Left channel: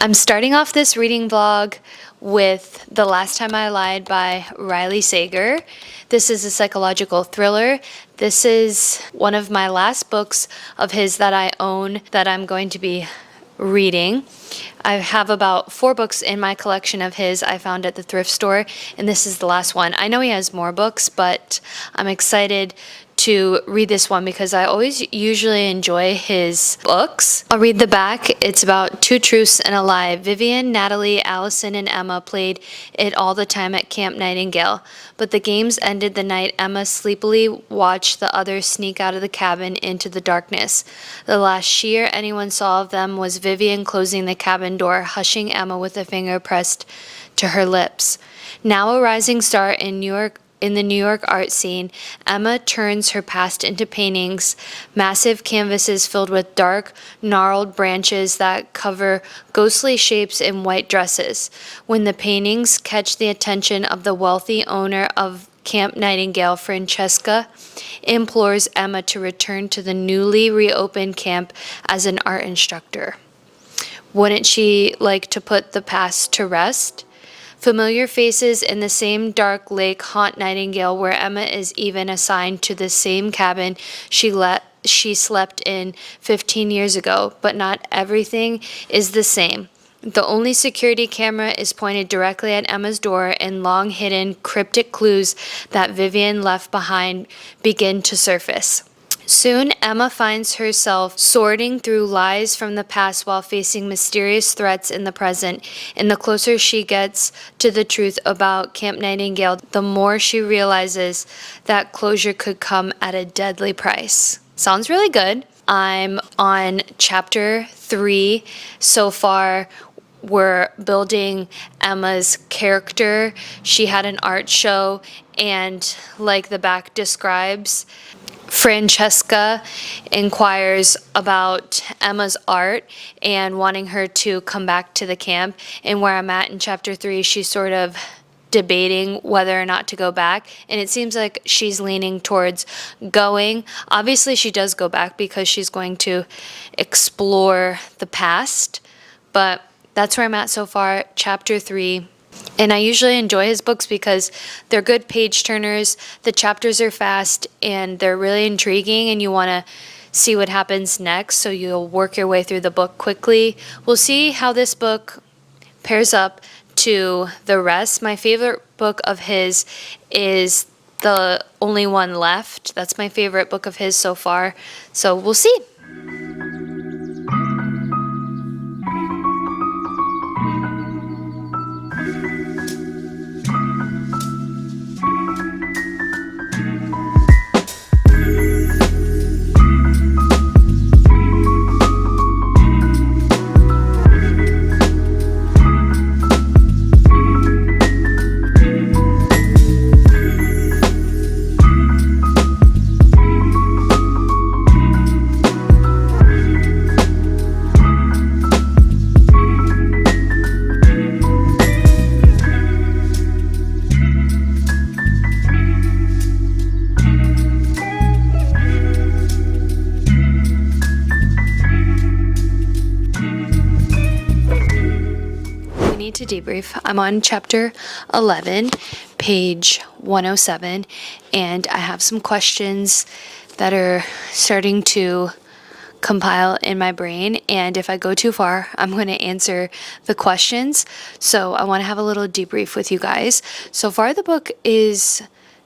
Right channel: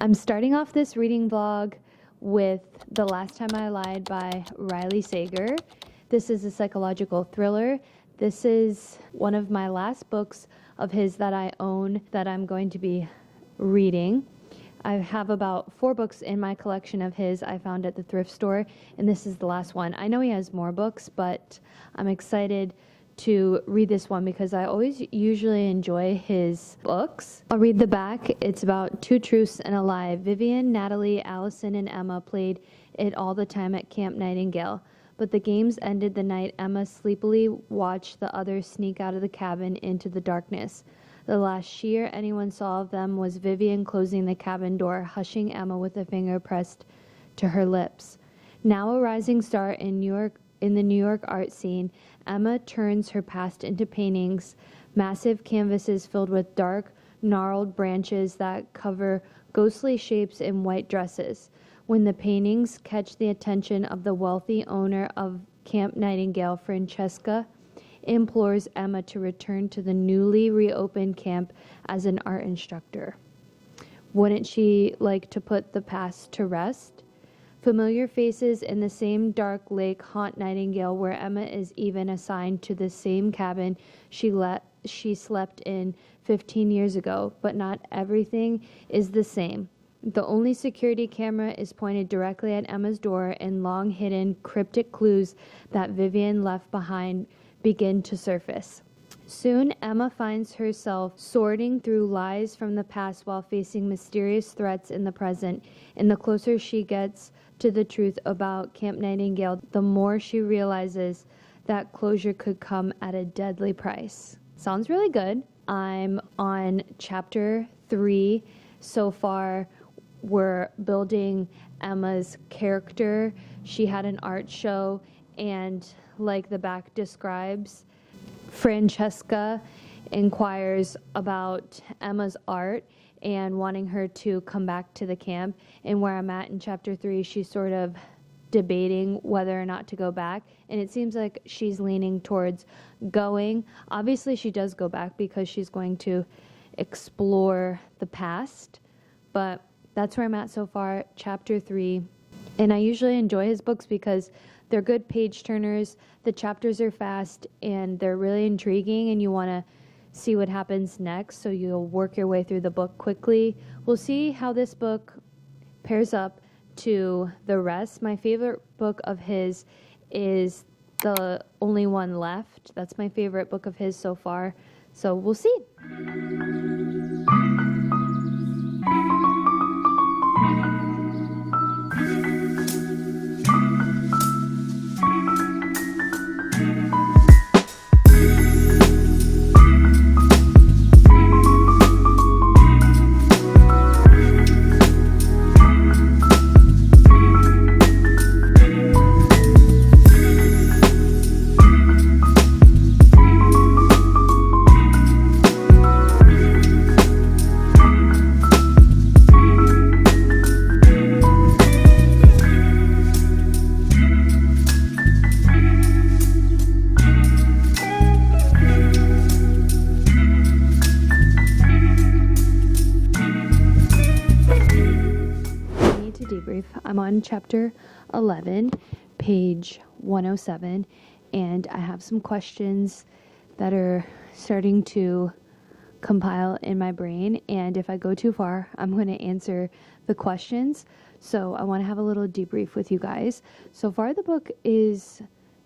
I'm starting off this reading vlog with The Last Time I Lied by Riley Sager. This is a psychological thriller. This is one of my last books of his that I own that I'm going to be reading. I have about 4 books in my collection of his I found at the thrift store, and this is the last one. I know he has more books, but I'm excited to read this one because I always usually enjoy his books. I'll read the back. It's about 2 truths and a lie. Vivian, Natalie, Allison, and Emma played it all the time at Camp Nightingale, but the games ended the night Emma sleepily watched the others sneak out of the cabin into the darkness. The last she or anyone saw of them was Vivian closing the cabin door, hushing Emma with a finger pressed to her lips. Now a rising star in the New York art scene, Emma turns her past into paintings, massive canvases filled with dark, gnarled branches that cover ghostly shapes in white dresses. When the paintings catch the attention of the wealthy owner of Camp Nightingale, Francesca implores Emma to return to the newly reopened camp as an art instructor. Wouldn't she like to put the past to rest? Familiar faces in the same dark lake haunt Nightingale, where Emma is even assigned to the same cabin she slept in 15 years ago, but not everything is the same. The only security camera is pointed directly at Emma's door, and long-hidden cryptic clues that Vivian left behind begin to surface. Soon, Emma finds herself sorting through lies from the past while facing mysterious threats in the present, and the closer she gets to the truth about Camp Nightingale, the more she realizes that closure could come at a deadly price. Sounds really good. I'm on chapter 3 so far. We're building Emma's character. She had an art show, and like the back describes, Francesca inquires about Emma's art and wanting her to come back to the camp. And where I'm at in chapter 3, she's sort of debating whether or not to go back, and it seems like she's leaning towards going. Obviously she does go back because she's going to explore the past, but that's where I'm at so far, chapter 3. And I usually enjoy his books because they're good page turners, the chapters are fast, and they're really intriguing, and you want to see what happens next, so you'll work your way through the book quickly. We'll see how this book pairs up to the rest. My favorite book of his is The Only One Left. That's my favorite book of his so far, so we'll see. To debrief. I'm on chapter 11, page 107, and I have some questions that are starting to compile in my brain, and if I go too far, I'm going to answer the questions. So I want to have a little debrief with you guys. So far the book is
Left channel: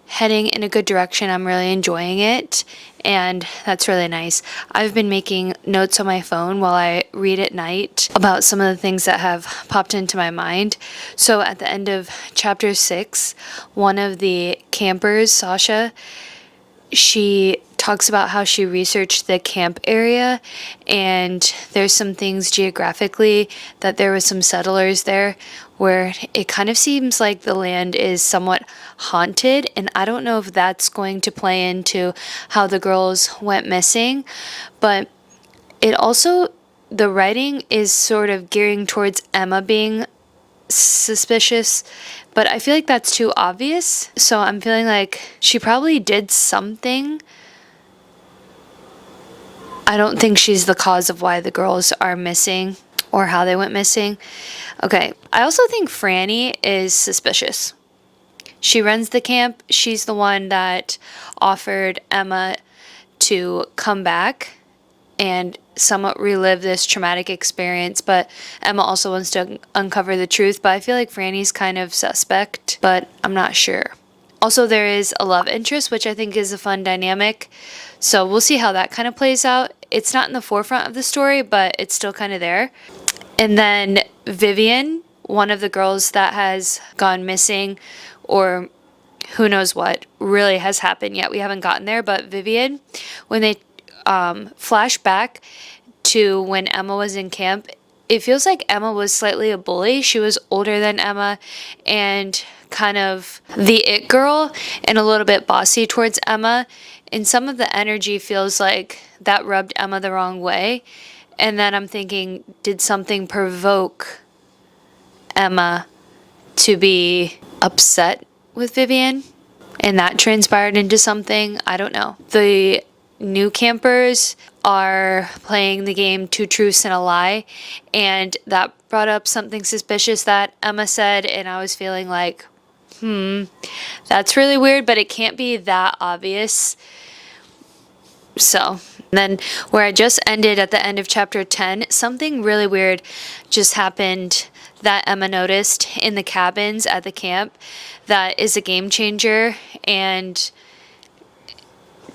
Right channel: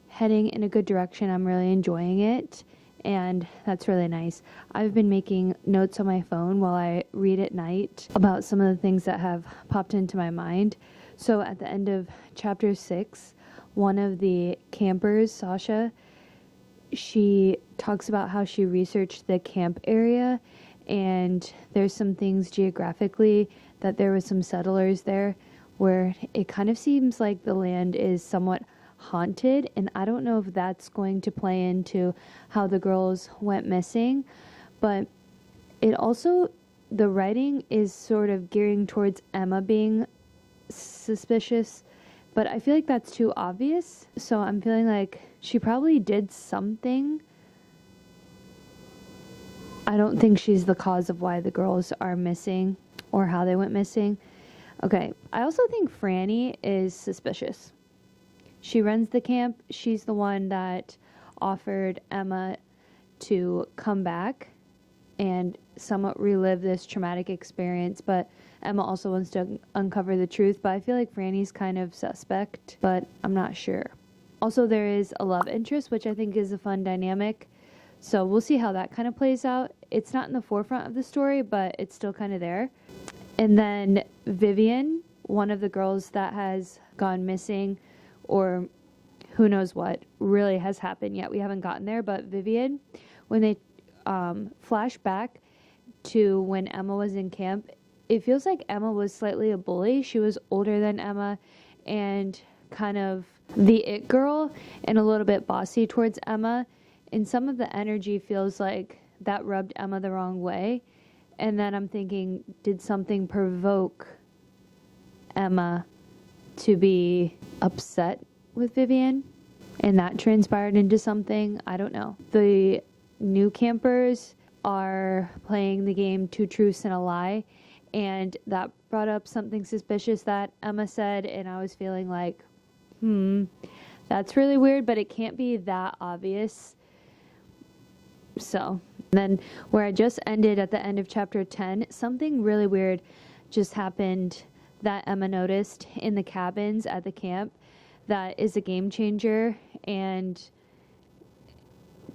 heading in a good direction. I'm really enjoying it, and that's really nice. I've been making notes on my phone while I read at night about some of the things that have popped into my mind. So at the end of chapter 6, one of the campers, Sasha, she talks about how she researched the camp area, and there's some things geographically that there was some settlers there where it kind of seems like the land is somewhat haunted, and I don't know if that's going to play into how the girls went missing, but it also, the writing is sort of gearing towards Emma being suspicious, but I feel like that's too obvious. So I'm feeling like she probably did something. I don't think she's the cause of why the girls are missing or how they went missing. Okay, I also think Franny is suspicious. She runs the camp. She's the one that offered Emma to come back and somewhat relive this traumatic experience, but Emma also wants to uncover the truth. But I feel like Franny's kind of suspect, but I'm not sure. Also, there is a love interest, which I think is a fun dynamic, so we'll see how that kind of plays out. It's not in the forefront of the story, but it's still kind of there. And then Vivian, one of the girls that has gone missing, or who knows what really has happened yet, we haven't gotten there, but Vivian, when they flash back to when Emma was in camp, it feels like Emma was slightly a bully. She was older than Emma and kind of the it girl and a little bit bossy towards Emma. And some of the energy feels like that rubbed Emma the wrong way. And then I'm thinking, did something provoke Emma to be upset with Vivian? And that transpired into something? I don't know. The new campers are playing the game Two Truths and a Lie, and that brought up something suspicious that Emma said, and I was feeling like, that's really weird, but it can't be that obvious. So then where I just ended at the end of chapter 10, something really weird just happened that Emma noticed in the cabins at the camp that is a game changer and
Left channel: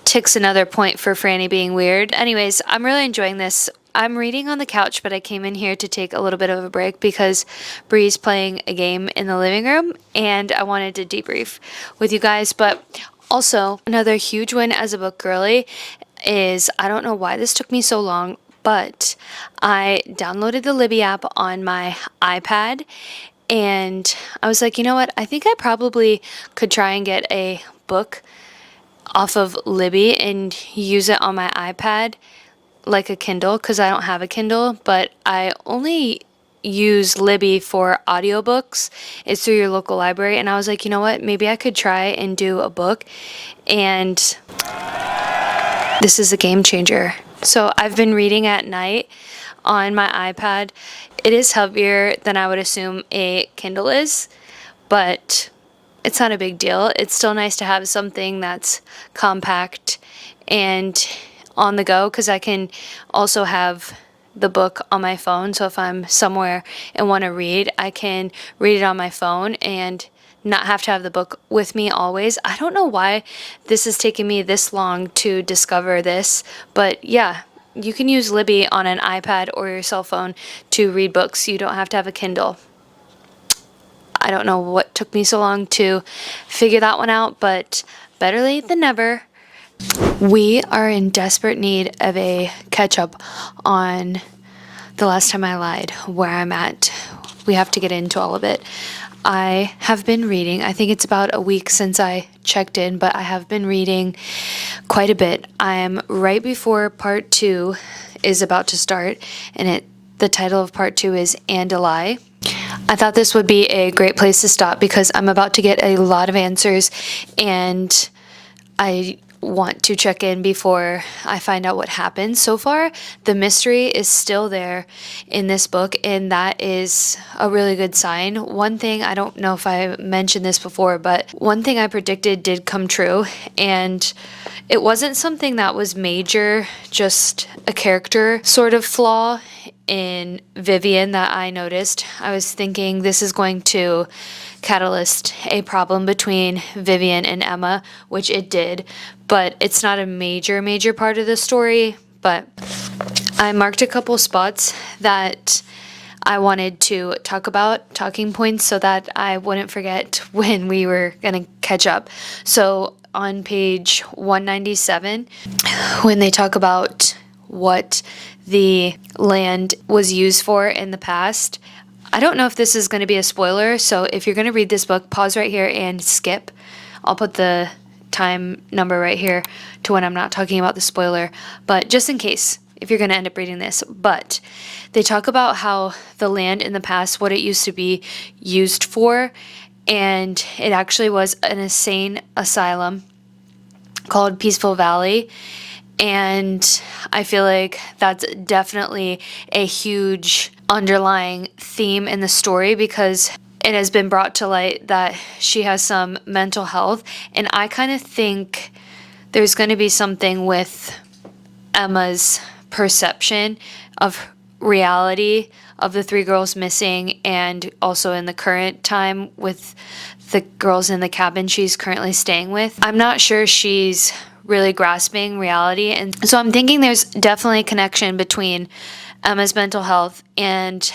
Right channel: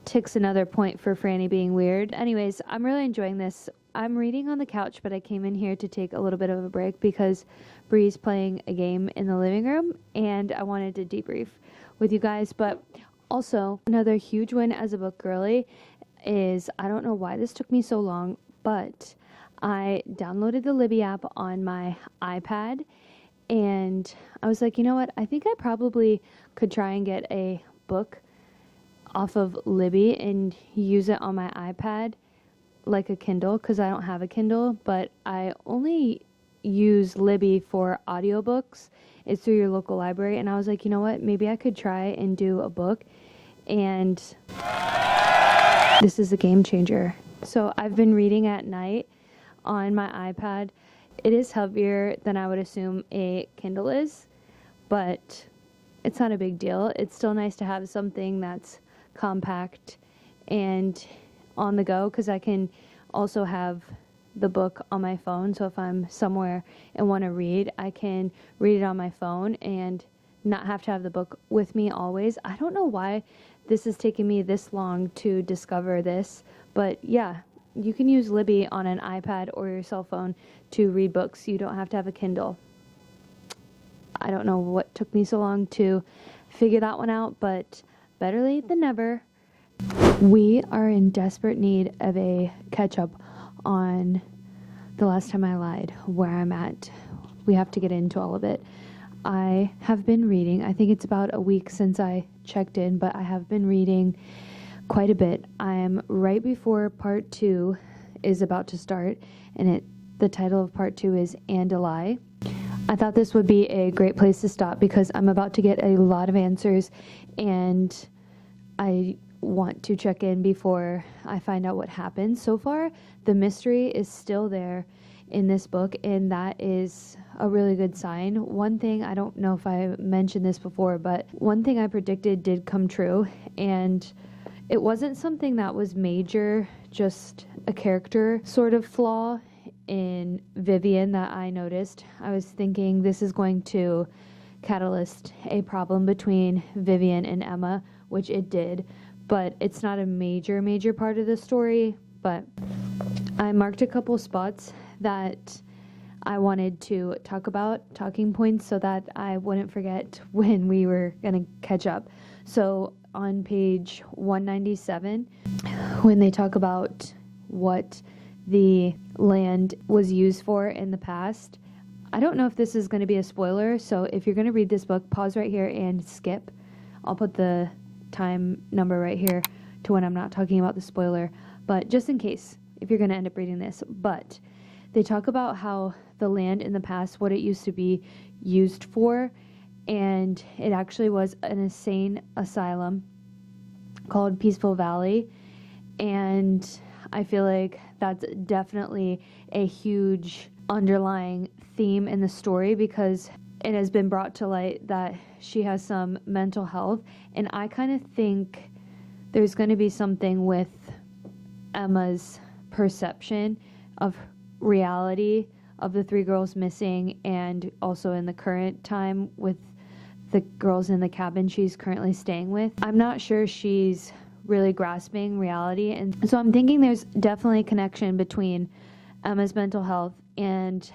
ticks another point for Franny being weird. Anyways, I'm really enjoying this. I'm reading on the couch, but I came in here to take a little bit of a break because Bree's playing a game in the living room and I wanted to debrief with you guys. But also, another huge win as a book girly is, I don't know why this took me so long, but I downloaded the Libby app on my iPad and I was like, you know what? I think I probably could try and get a book off of Libby and use it on my iPad like a Kindle, because I don't have a Kindle, but I only use Libby for audiobooks. It's through your local library, and I was like, you know what, maybe I could try and do a book, and this is a game changer. So I've been reading at night on my iPad. It is heavier than I would assume a Kindle is, but it's not a big deal. It's still nice to have something that's compact and on the go, because I can also have the book on my phone. So if I'm somewhere and want to read, I can read it on my phone and not have to have the book with me always. I don't know why this has taken me this long to discover this, but yeah, you can use Libby on an iPad or your cell phone to read books. You don't have to have a Kindle. I don't know what took me so long to figure that one out, but better late than never. We are in desperate need of a catch-up on The Last Time I Lied, where I'm at. We have to get into all of it. I have been reading. I think it's about a week since I checked in, but I have been reading quite a bit. I am right before part 2 is about to start, and the title of part 2 is And a Lie. I thought this would be a great place to stop because I'm about to get a lot of answers and I want to check in before I find out what happened. So far, the mystery is still there in this book, and that is a really good sign. One thing, I don't know if I mentioned this before, but one thing I predicted did come true, and it wasn't something that was major, just a character sort of flaw in Vivian that I noticed. I was thinking this is going to catalyst a problem between Vivian and Emma, which it did, but it's not a major part of the story. But I marked a couple spots that I wanted to talk about, talking points, so that I wouldn't forget when we were going to catch up. So on page 197 when they talk about what the land was used for in the past. I don't know if this is going to be a spoiler, so if you're going to read this book, pause right here and skip. I'll put the time number right here to when I'm not talking about the spoiler, but just in case, if you're going to end up reading this. But they talk about how the land in the past, what it used to be used for, and it actually was an insane asylum called Peaceful Valley. And I feel like that's definitely a huge underlying theme in the story, because it has been brought to light that she has some mental health. And I kind of think there's going to be something with Emma's perception of reality of the three girls missing, and also in the current time with the girls in the cabin she's currently staying with. I'm not sure she's really grasping reality. And so I'm thinking there's definitely a connection between Emma's mental health and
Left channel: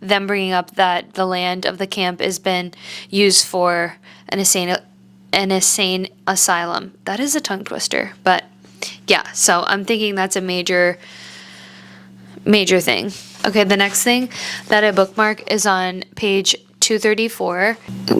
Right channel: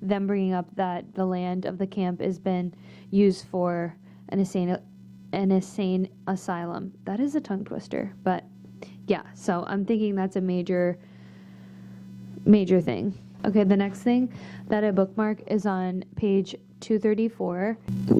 them bringing up that the land of the camp has been used for an insane asylum. That is a tongue twister, but yeah, so I'm thinking that's a major thing. Okay, the next thing that I bookmark is on page 234.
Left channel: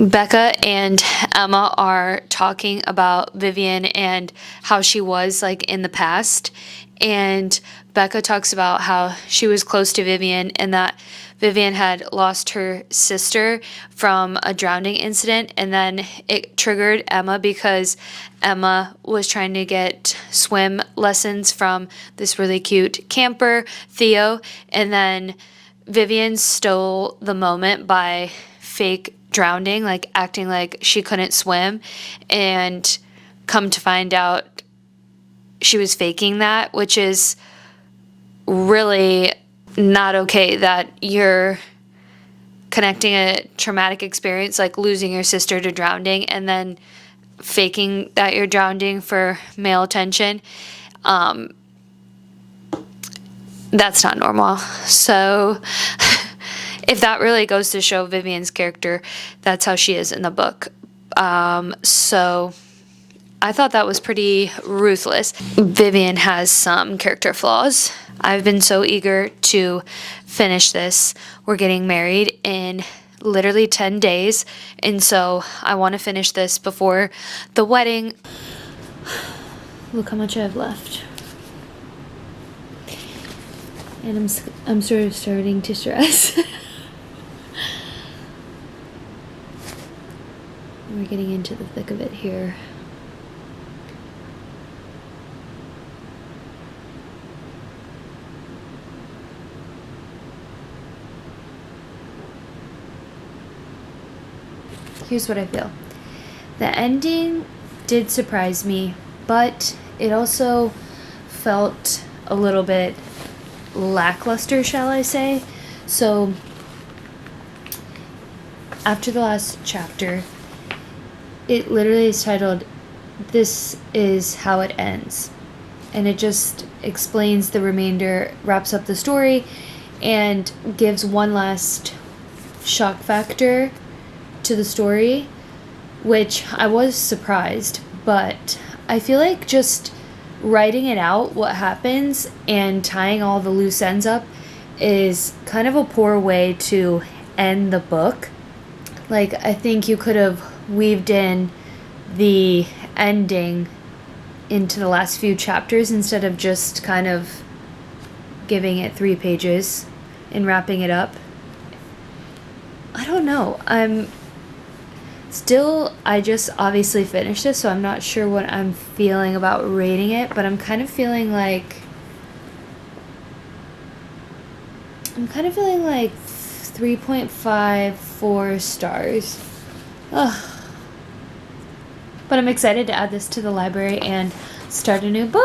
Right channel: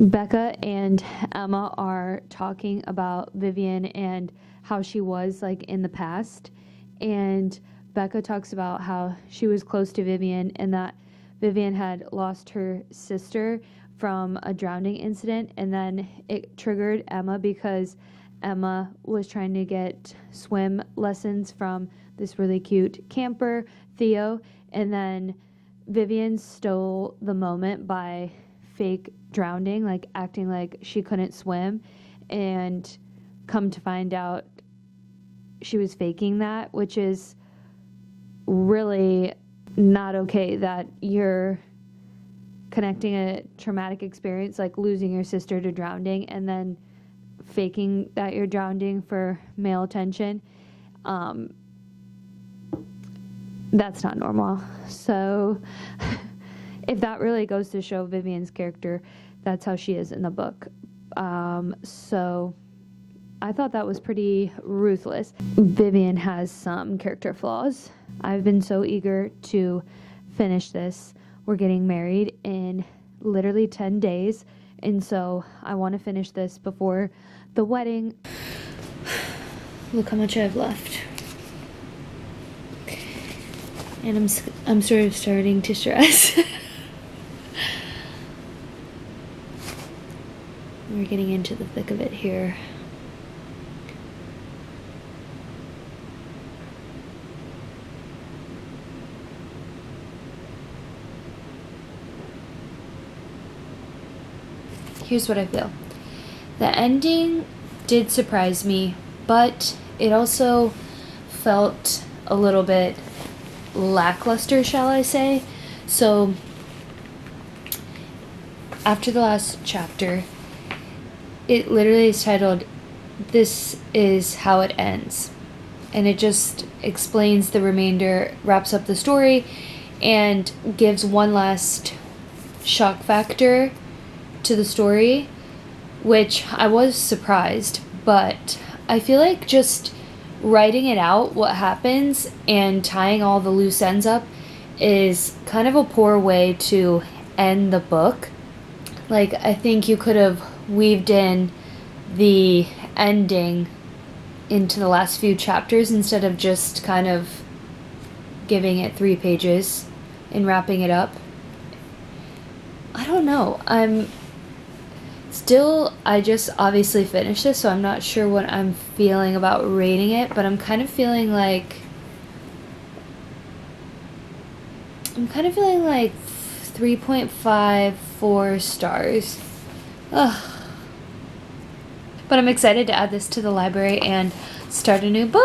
Becca and Emma are talking about Vivian and how she was like in the past. And Becca talks about how she was close to Vivian and that Vivian had lost her sister from a drowning incident, and then it triggered Emma because Emma was trying to get swim lessons from this really cute camper, Theo, and then Vivian stole the moment by fake drowning, like acting like she couldn't swim, and come to find out she was faking that, which is really not okay, that you're connecting a traumatic experience like losing your sister to drowning and then faking that you're drowning for male attention. That's not normal. So if that really goes to show Vivian's character, that's how she is in the book. So I thought that was pretty ruthless. Vivian has some character flaws. I've been so eager to finish this. We're getting married in literally 10 days, and so I want to finish this before the wedding. Look how much I have left. And I'm sort of starting to stress. We're getting into the thick of it here. Here's what I feel. The ending did surprise me, but it also felt a little bit lackluster, shall I say. So after the last chapter, it literally is titled, "This is how it ends." And it just explains the remainder, wraps up the story, and gives one last shock factor to the story, which I was surprised, but I feel like just writing it out, what happens, and tying all the loose ends up is kind of a poor way to end the book. Like, I think you could have weaved in the ending into the last few chapters instead of just kind of giving it 3 pages and wrapping it up. I don't know. I just obviously finished this, so I'm not sure what I'm feeling about rating it, but I'm kind of feeling like 3.54 stars. Ugh. But I'm excited to add this to the library and start a new book.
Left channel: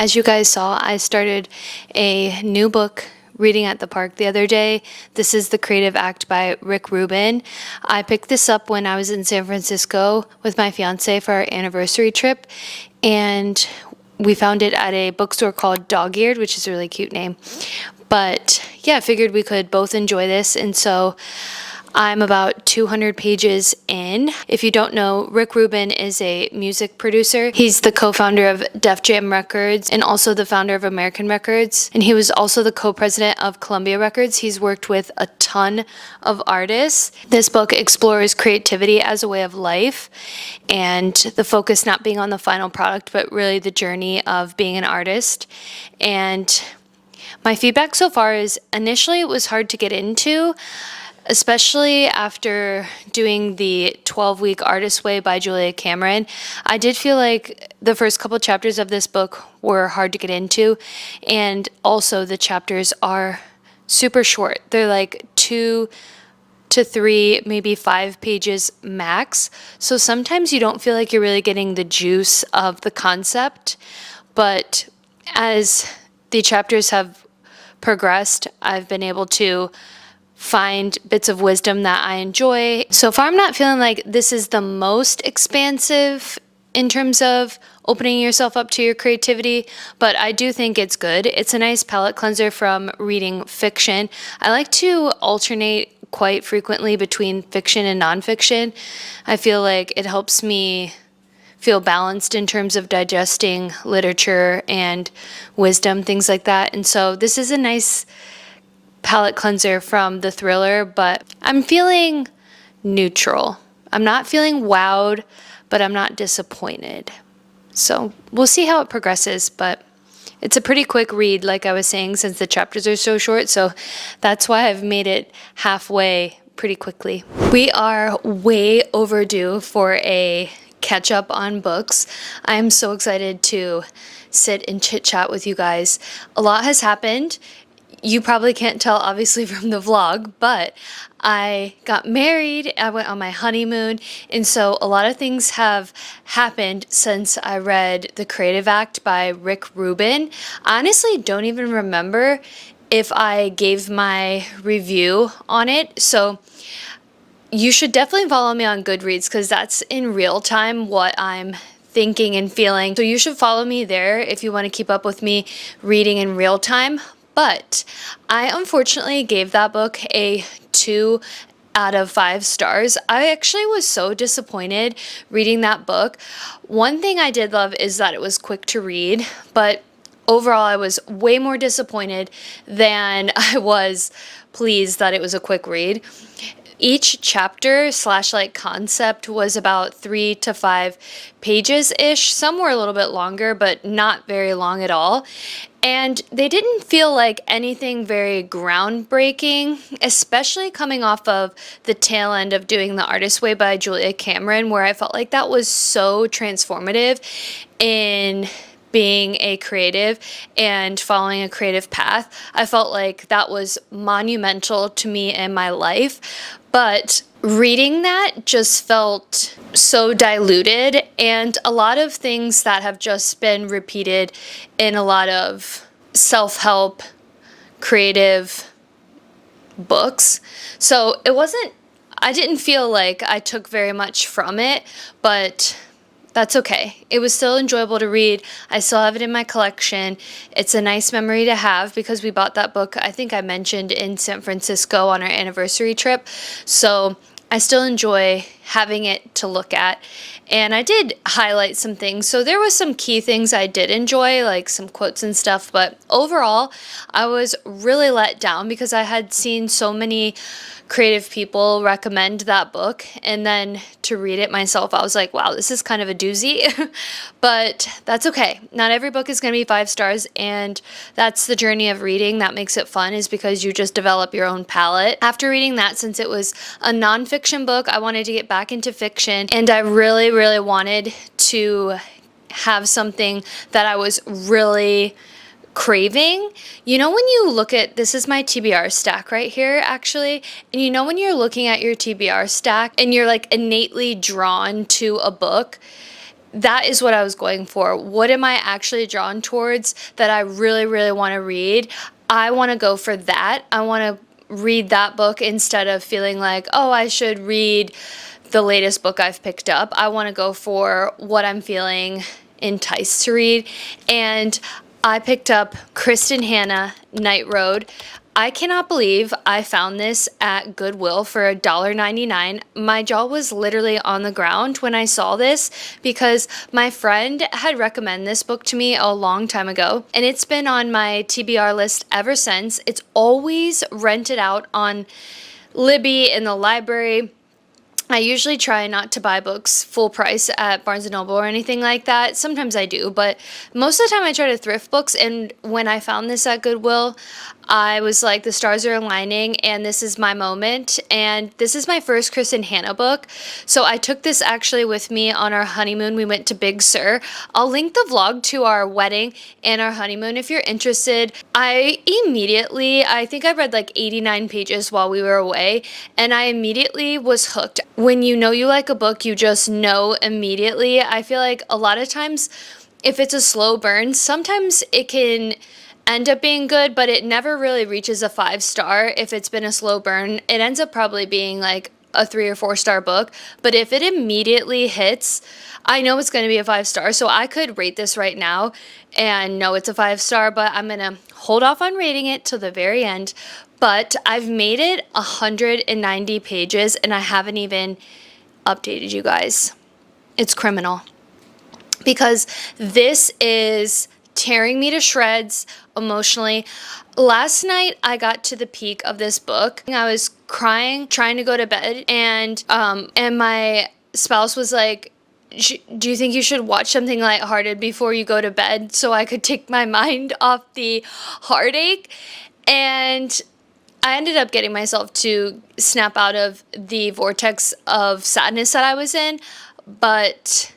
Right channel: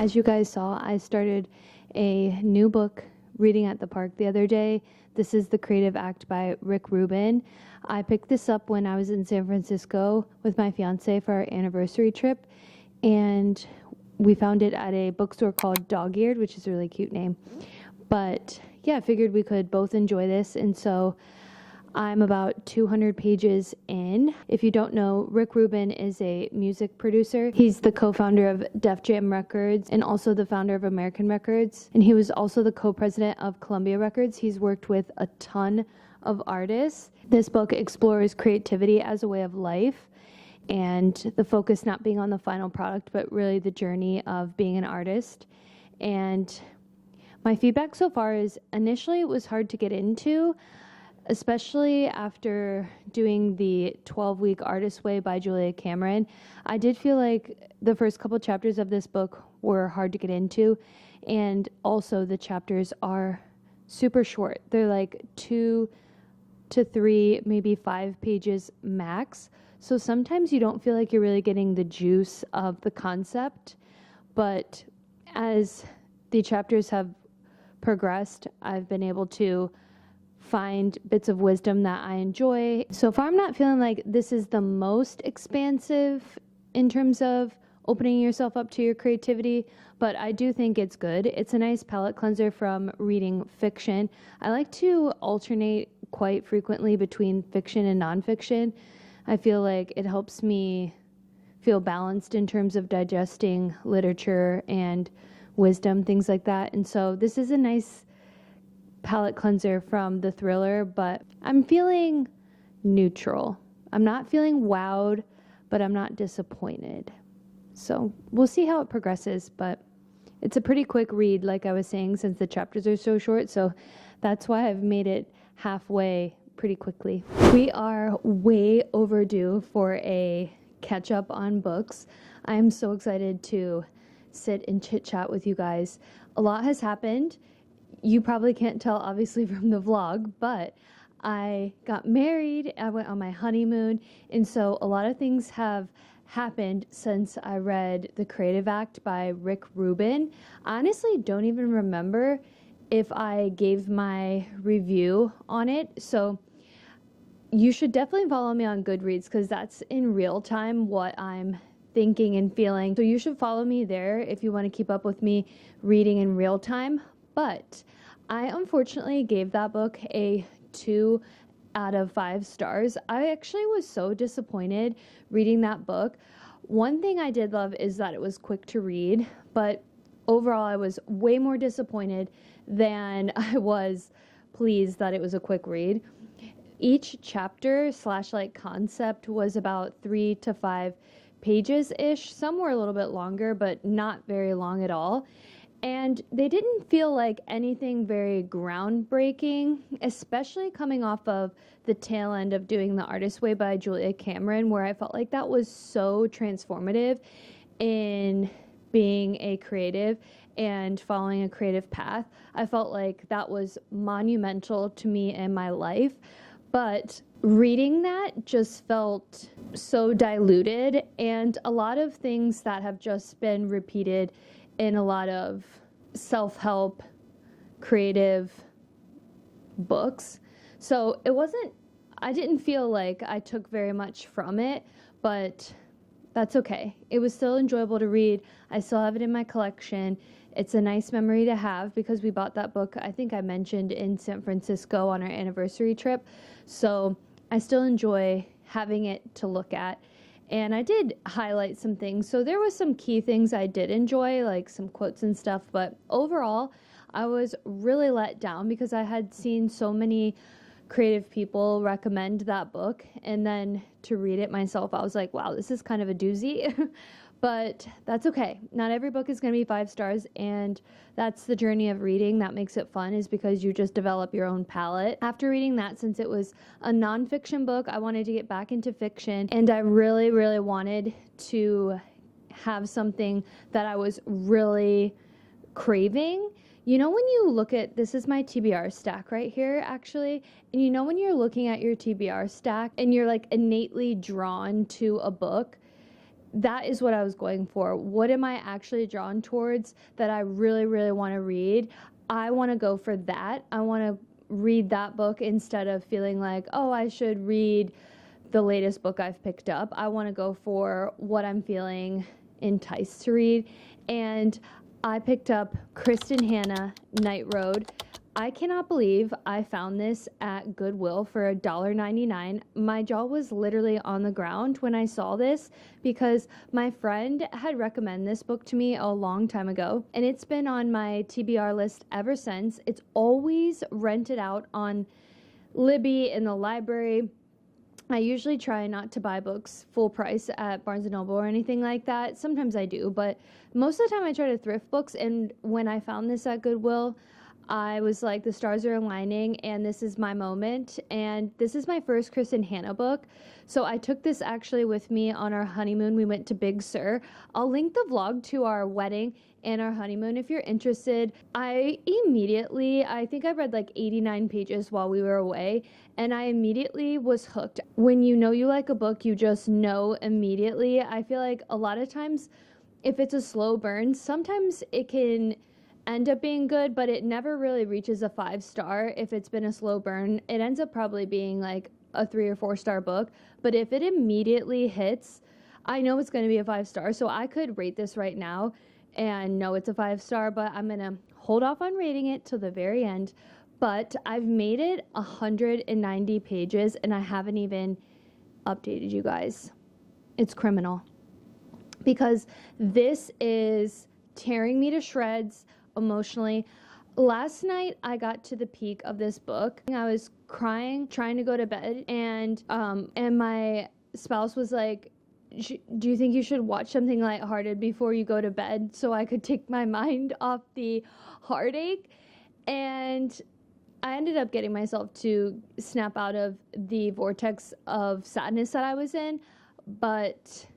As you guys saw, I started a new book reading at the park the other day. This is The Creative Act by Rick Rubin. I picked this up when I was in San Francisco with my fiance for our anniversary trip, and we found it at a bookstore called Dog-Eared, which is a really cute name. But yeah, I figured we could both enjoy this, and so I'm about 200 pages in. If you don't know, Rick Rubin is a music producer. He's the co-founder of Def Jam Records and also the founder of American Records. And he was also the co-president of Columbia Records. He's worked with a ton of artists. This book explores creativity as a way of life, and the focus not being on the final product, but really the journey of being an artist. And my feedback so far is initially it was hard to get into, especially after doing the 12-week Artist Way by Julia Cameron. I did feel like the first couple chapters of this book were hard to get into, and also the chapters are super short. They're like 2 to 3, maybe 5 pages max. So sometimes you don't feel like you're really getting the juice of the concept, but as the chapters have progressed, I've been able to find bits of wisdom that I enjoy. So far, I'm not feeling like this is the most expansive in terms of opening yourself up to your creativity, but I do think it's good. It's a nice palate cleanser from reading fiction. I like to alternate quite frequently between fiction and nonfiction. I feel like it helps me feel balanced in terms of digesting literature and wisdom, things like that. And so this is a nice palate cleanser from the thriller, but I'm feeling neutral. I'm not feeling wowed, but I'm not disappointed. So we'll see how it progresses, but it's a pretty quick read, like I was saying, since the chapters are so short. So that's why I've made it halfway pretty quickly. We are way overdue for a catch up on books. I'm so excited to sit and chit chat with you guys. A lot has happened. You probably can't tell, obviously, from the vlog, but I got married, I went on my honeymoon, and so a lot of things have happened since I read The Creative Act by Rick Rubin. I honestly don't even remember if I gave my review on it, so you should definitely follow me on Goodreads because that's in real time what I'm thinking and feeling. So you should follow me there if you want to keep up with me reading in real time. But I unfortunately gave that book a 2 out of 5 stars. I actually was so disappointed reading that book. One thing I did love is that it was quick to read, but overall I was way more disappointed than I was pleased that it was a quick read. Each chapter / like concept was about 3 to 5 pages ish. Some were a little bit longer, but not very long at all. And they didn't feel like anything very groundbreaking, especially coming off of the tail end of doing The Artist Way by Julia Cameron, where I felt like that was so transformative in being a creative and following a creative path. I felt like that was monumental to me in my life. But reading that just felt so diluted, and a lot of things that have just been repeated in a lot of self-help, creative books. So I didn't feel like I took very much from it, but that's okay. It was still enjoyable to read. I still have it in my collection. It's a nice memory to have because we bought that book, I think I mentioned, in San Francisco on our anniversary trip. So I still enjoy having it to look at. And I did highlight some things. So there was some key things I did enjoy, like some quotes and stuff. But overall, I was really let down because I had seen so many creative people recommend that book, and then to read it myself, I was like, wow, this is kind of a doozy. But that's okay. Not every book is going to be 5 stars, and that's the journey of reading that makes it fun, is because you just develop your own palette. After reading that, since it was a nonfiction book, I wanted to get back into fiction, and I really, really wanted to have something that I was really craving. You know, when you look at, this is my TBR stack right here actually, and you know when you're looking at your TBR stack and you're like innately drawn to a book, that is what I was going for. What am I actually drawn towards that I really, really want to read? I want to go for that. I want to read that book instead of feeling like, oh, I should read the latest book I've picked up. I want to go for what I'm feeling enticed to read. And I picked up Kristin Hannah, Night Road. I cannot believe I found this at Goodwill for $1.99. My jaw was literally on the ground when I saw this because my friend had recommended this book to me a long time ago, and it's been on my TBR list ever since. It's always rented out on Libby in the library. I usually try not to buy books full price at Barnes & Noble or anything like that. Sometimes I do, but most of the time I try to thrift books, and when I found this at Goodwill, I was like, the stars are aligning and this is my moment. And this is my first Kristin Hannah book. So I took this actually with me on our honeymoon. We went to Big Sur. I'll link the vlog to our wedding and our honeymoon if you're interested. I think I read like 89 pages while we were away, and I immediately was hooked. When you know you like a book, you just know immediately. I feel like a lot of times if it's a slow burn, sometimes it can end up being good, but it never really reaches a 5-star. If it's been a slow burn, it ends up probably being like a 3 or 4-star book. But if it immediately hits, I know it's going to be a 5-star. So I could rate this right now and know it's a 5-star, but I'm going to hold off on rating it till the very end. But I've made it 190 pages and I haven't even updated you guys. It's criminal, because this is tearing me to shreds emotionally. Last night I got to the peak of this book. I was crying, trying to go to bed, and my spouse was like, do you think you should watch something lighthearted before you go to bed so I could take my mind off the heartache? And I ended up getting myself to snap out of the vortex of sadness that I was in, but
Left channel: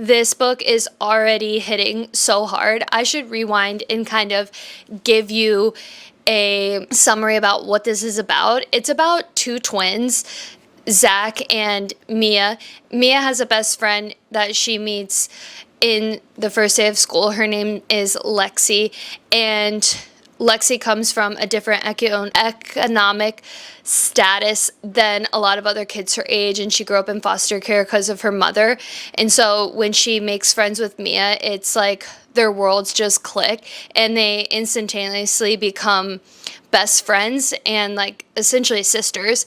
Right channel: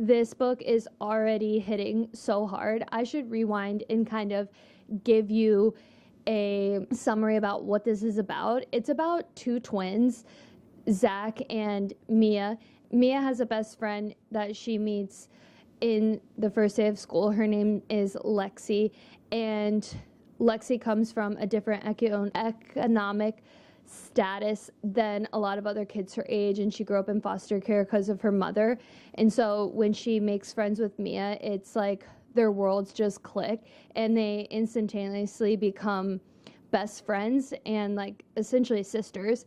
this book is already hitting so hard. I should rewind and kind of give you a summary about what this is about. It's about 2 twins, Zach and Mia. Mia has a best friend that she meets in the first day of school. Her name is Lexi, and Lexi comes from a different economic status than a lot of other kids her age, and she grew up in foster care because of her mother. And so when she makes friends with Mia, it's like their worlds just click and they instantaneously become best friends and like essentially sisters.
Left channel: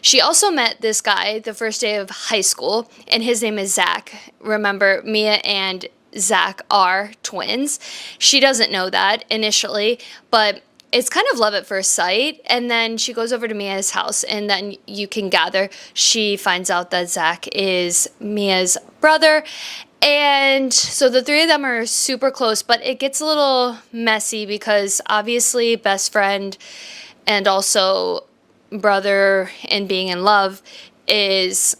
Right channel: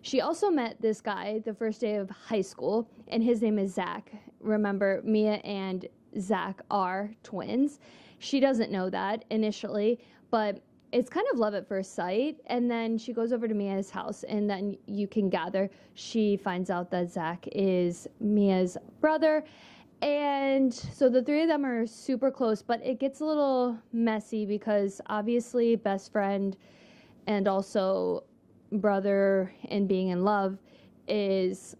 She also met this guy the first day of high school, and his name is Zach. Remember, Mia and Zach are twins. She doesn't know that initially, but it's kind of love at first sight. And then she goes over to Mia's house, and then you can gather she finds out that Zach is Mia's brother. And so the 3 of them are super close, but it gets a little messy because obviously best friend and also brother and being in love is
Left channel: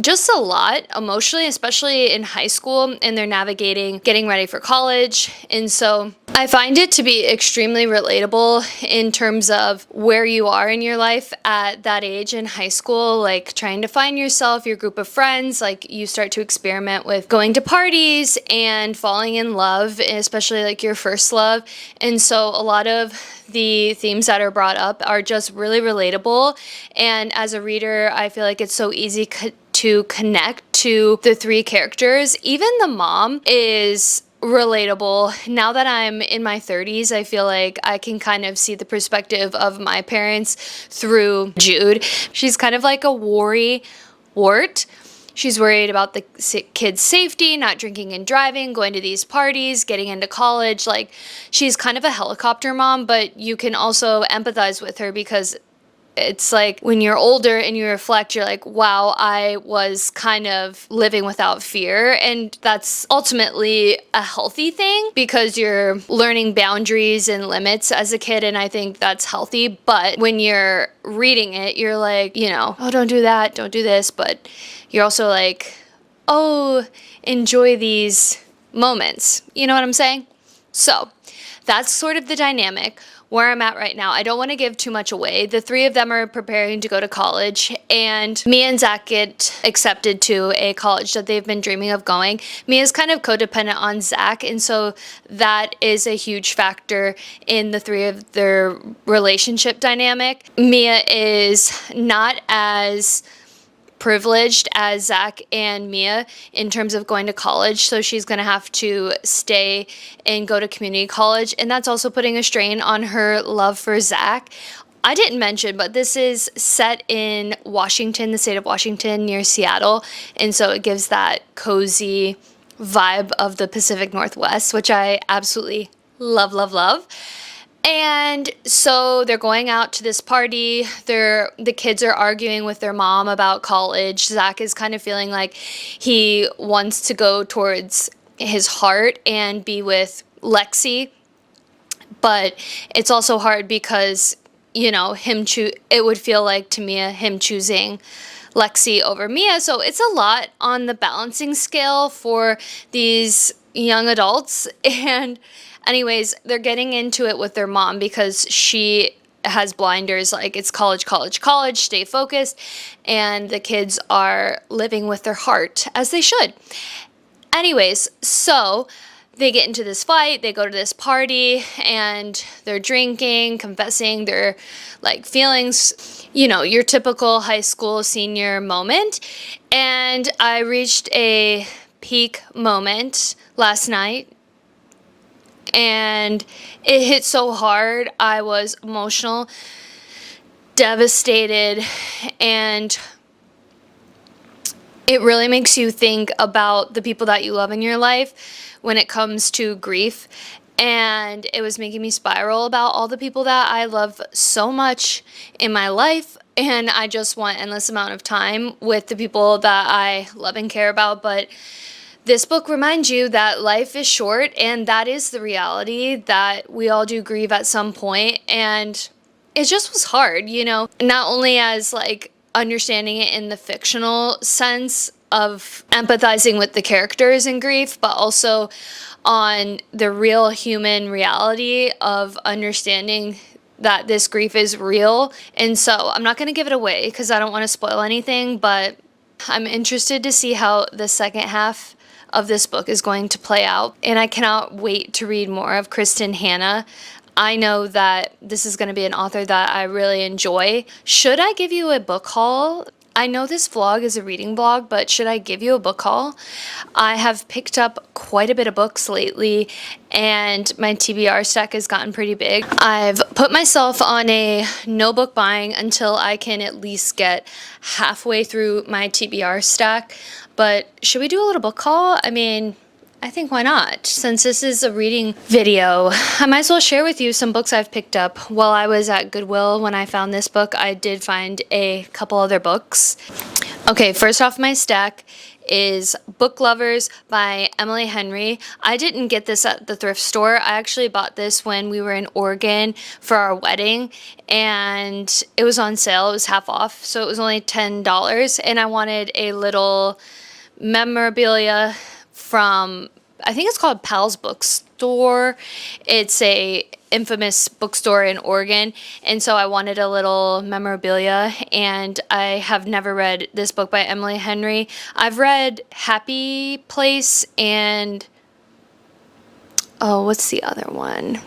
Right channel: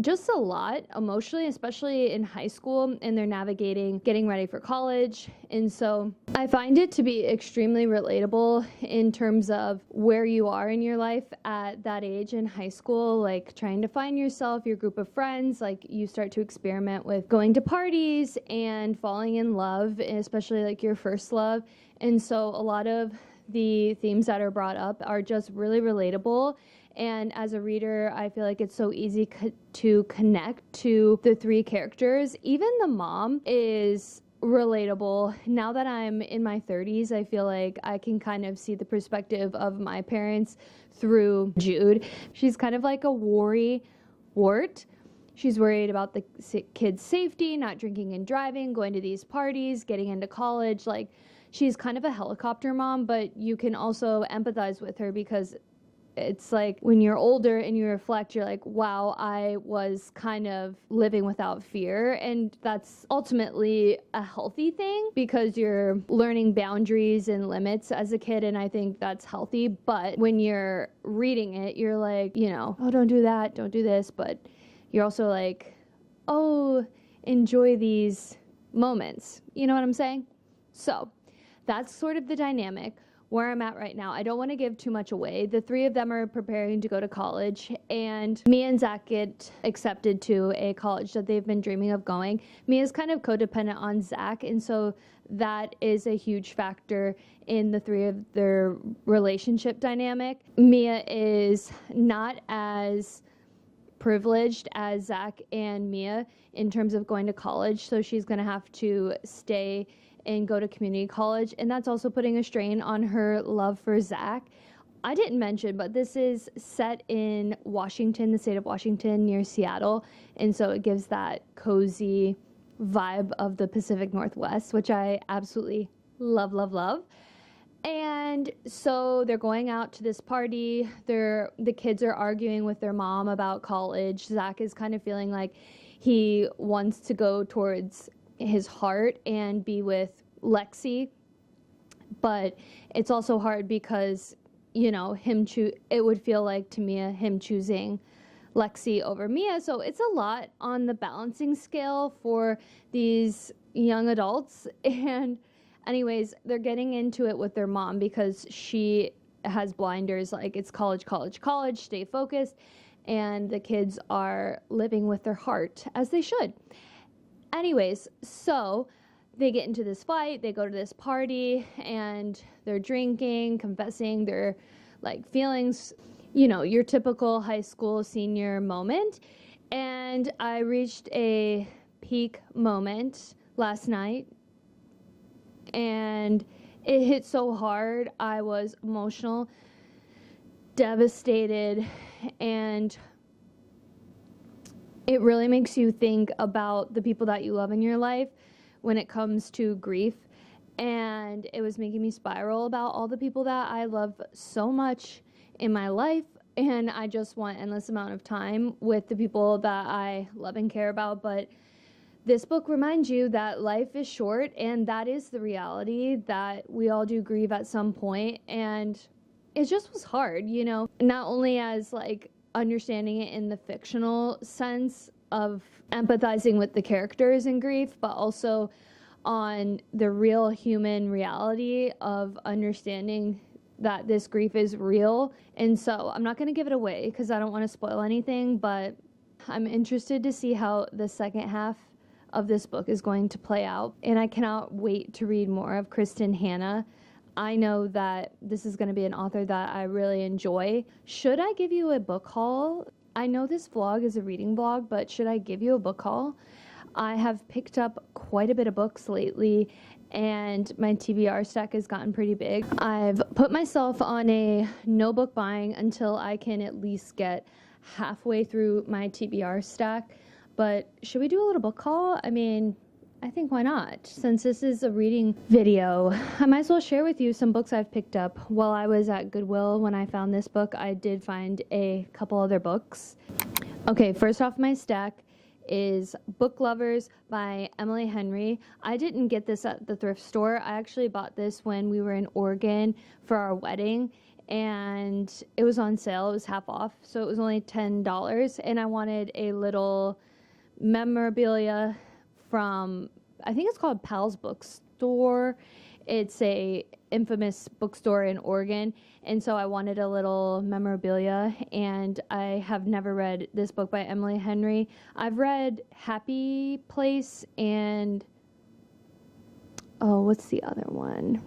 just a lot emotionally, especially in high school, and they're navigating getting ready for college. And so I find it to be extremely relatable in terms of where you are in your life at that age in high school, like trying to find yourself, your group of friends. Like you start to experiment with going to parties and falling in love, especially like your first love. And so a lot of the themes that are brought up are just really relatable. And as a reader, I feel like it's so easy to connect to the 3 characters. Even the mom is relatable. Now that I'm in my 30s, I feel like I can kind of see the perspective of my parents through Jude. She's kind of like a worry wart. She's worried about the kids' safety, not drinking and driving, going to these parties, getting into college. Like, she's kind of a helicopter mom, but you can also empathize with her because It's like when you're older and you reflect, you're like, wow, I was kind of living without fear. And that's ultimately a healthy thing because you're learning boundaries and limits as a kid. And I think that's healthy. But when you're reading it, you're like, oh, don't do that, don't do this. But you're also like, oh, enjoy these moments. You know what I'm saying? So that's sort of the dynamic where I'm at right now. I don't want to give too much away. The three of them are preparing to go to college, and Mia and Zach get accepted to a college that they've been dreaming of going. Mia's kind of codependent on Zach, and so that is a huge factor in the three of their relationship dynamic. Mia is not as privileged as Zach and Mia in terms of going to college, so she's going to have to stay and go to community college, and that's also putting a strain on her love for Zach. I didn't mention, but this is set in Washington, the state of Washington, near Seattle, and so it gives that cozy vibe of the Pacific Northwest, which I absolutely love, love, love. And so they're going out to this party. The kids are arguing with their mom about college. Zach is kind of feeling like he wants to go towards his heart and be with Lexi. But it's also hard because, it would feel like to Mia him choosing Lexi over Mia. So it's a lot on the balancing scale for these young adults. And anyways, they're getting into it with their mom because she has blinders, like it's college, college, college, stay focused. And the kids are living with their heart, as they should. Anyways, so they get into this fight, they go to this party, and they're drinking, confessing their feelings, your typical high school senior moment. And I reached a peak moment last night, and it hit so hard. I was emotional, devastated, and it really makes you think about the people that you love in your life when it comes to grief. And it was making me spiral about all the people that I love so much in my life. And I just want endless amount of time with the people that I love and care about. But this book reminds you that life is short, and that is the reality, that we all do grieve at some point. And it just was hard, not only as understanding it in the fictional sense of empathizing with the characters in grief, but also on the real human reality of understanding that this grief is real. And so I'm not going to give it away because I don't want to spoil anything, but I'm interested to see how the second half of this book is going to play out. And I cannot wait to read more of Kristin Hannah. I know that this is going to be an author that I really enjoy. Should I give you a book haul? I know this vlog is a reading vlog, but should I give you a book haul? I have picked up quite a bit of books lately, and my TBR stack has gotten pretty big. I've put myself on a no book buying until I can at least get halfway through my TBR stack. But should we do a little book haul? I think why not? Since this is a reading video, I might as well share with you some books I've picked up. While I was at Goodwill when I found this book, I did find a couple other books. Okay, first off my stack is Book Lovers by Emily Henry. I didn't get this at the thrift store. I actually bought this when we were in Oregon for our wedding, and it was on sale. It was half off, so it was only $10, and I wanted a little memorabilia from, I think it's called Pal's Bookstore. It's a infamous bookstore in Oregon, and so I wanted a little memorabilia, and I have never read this book by Emily Henry. I've read Happy Place and, what's the other one?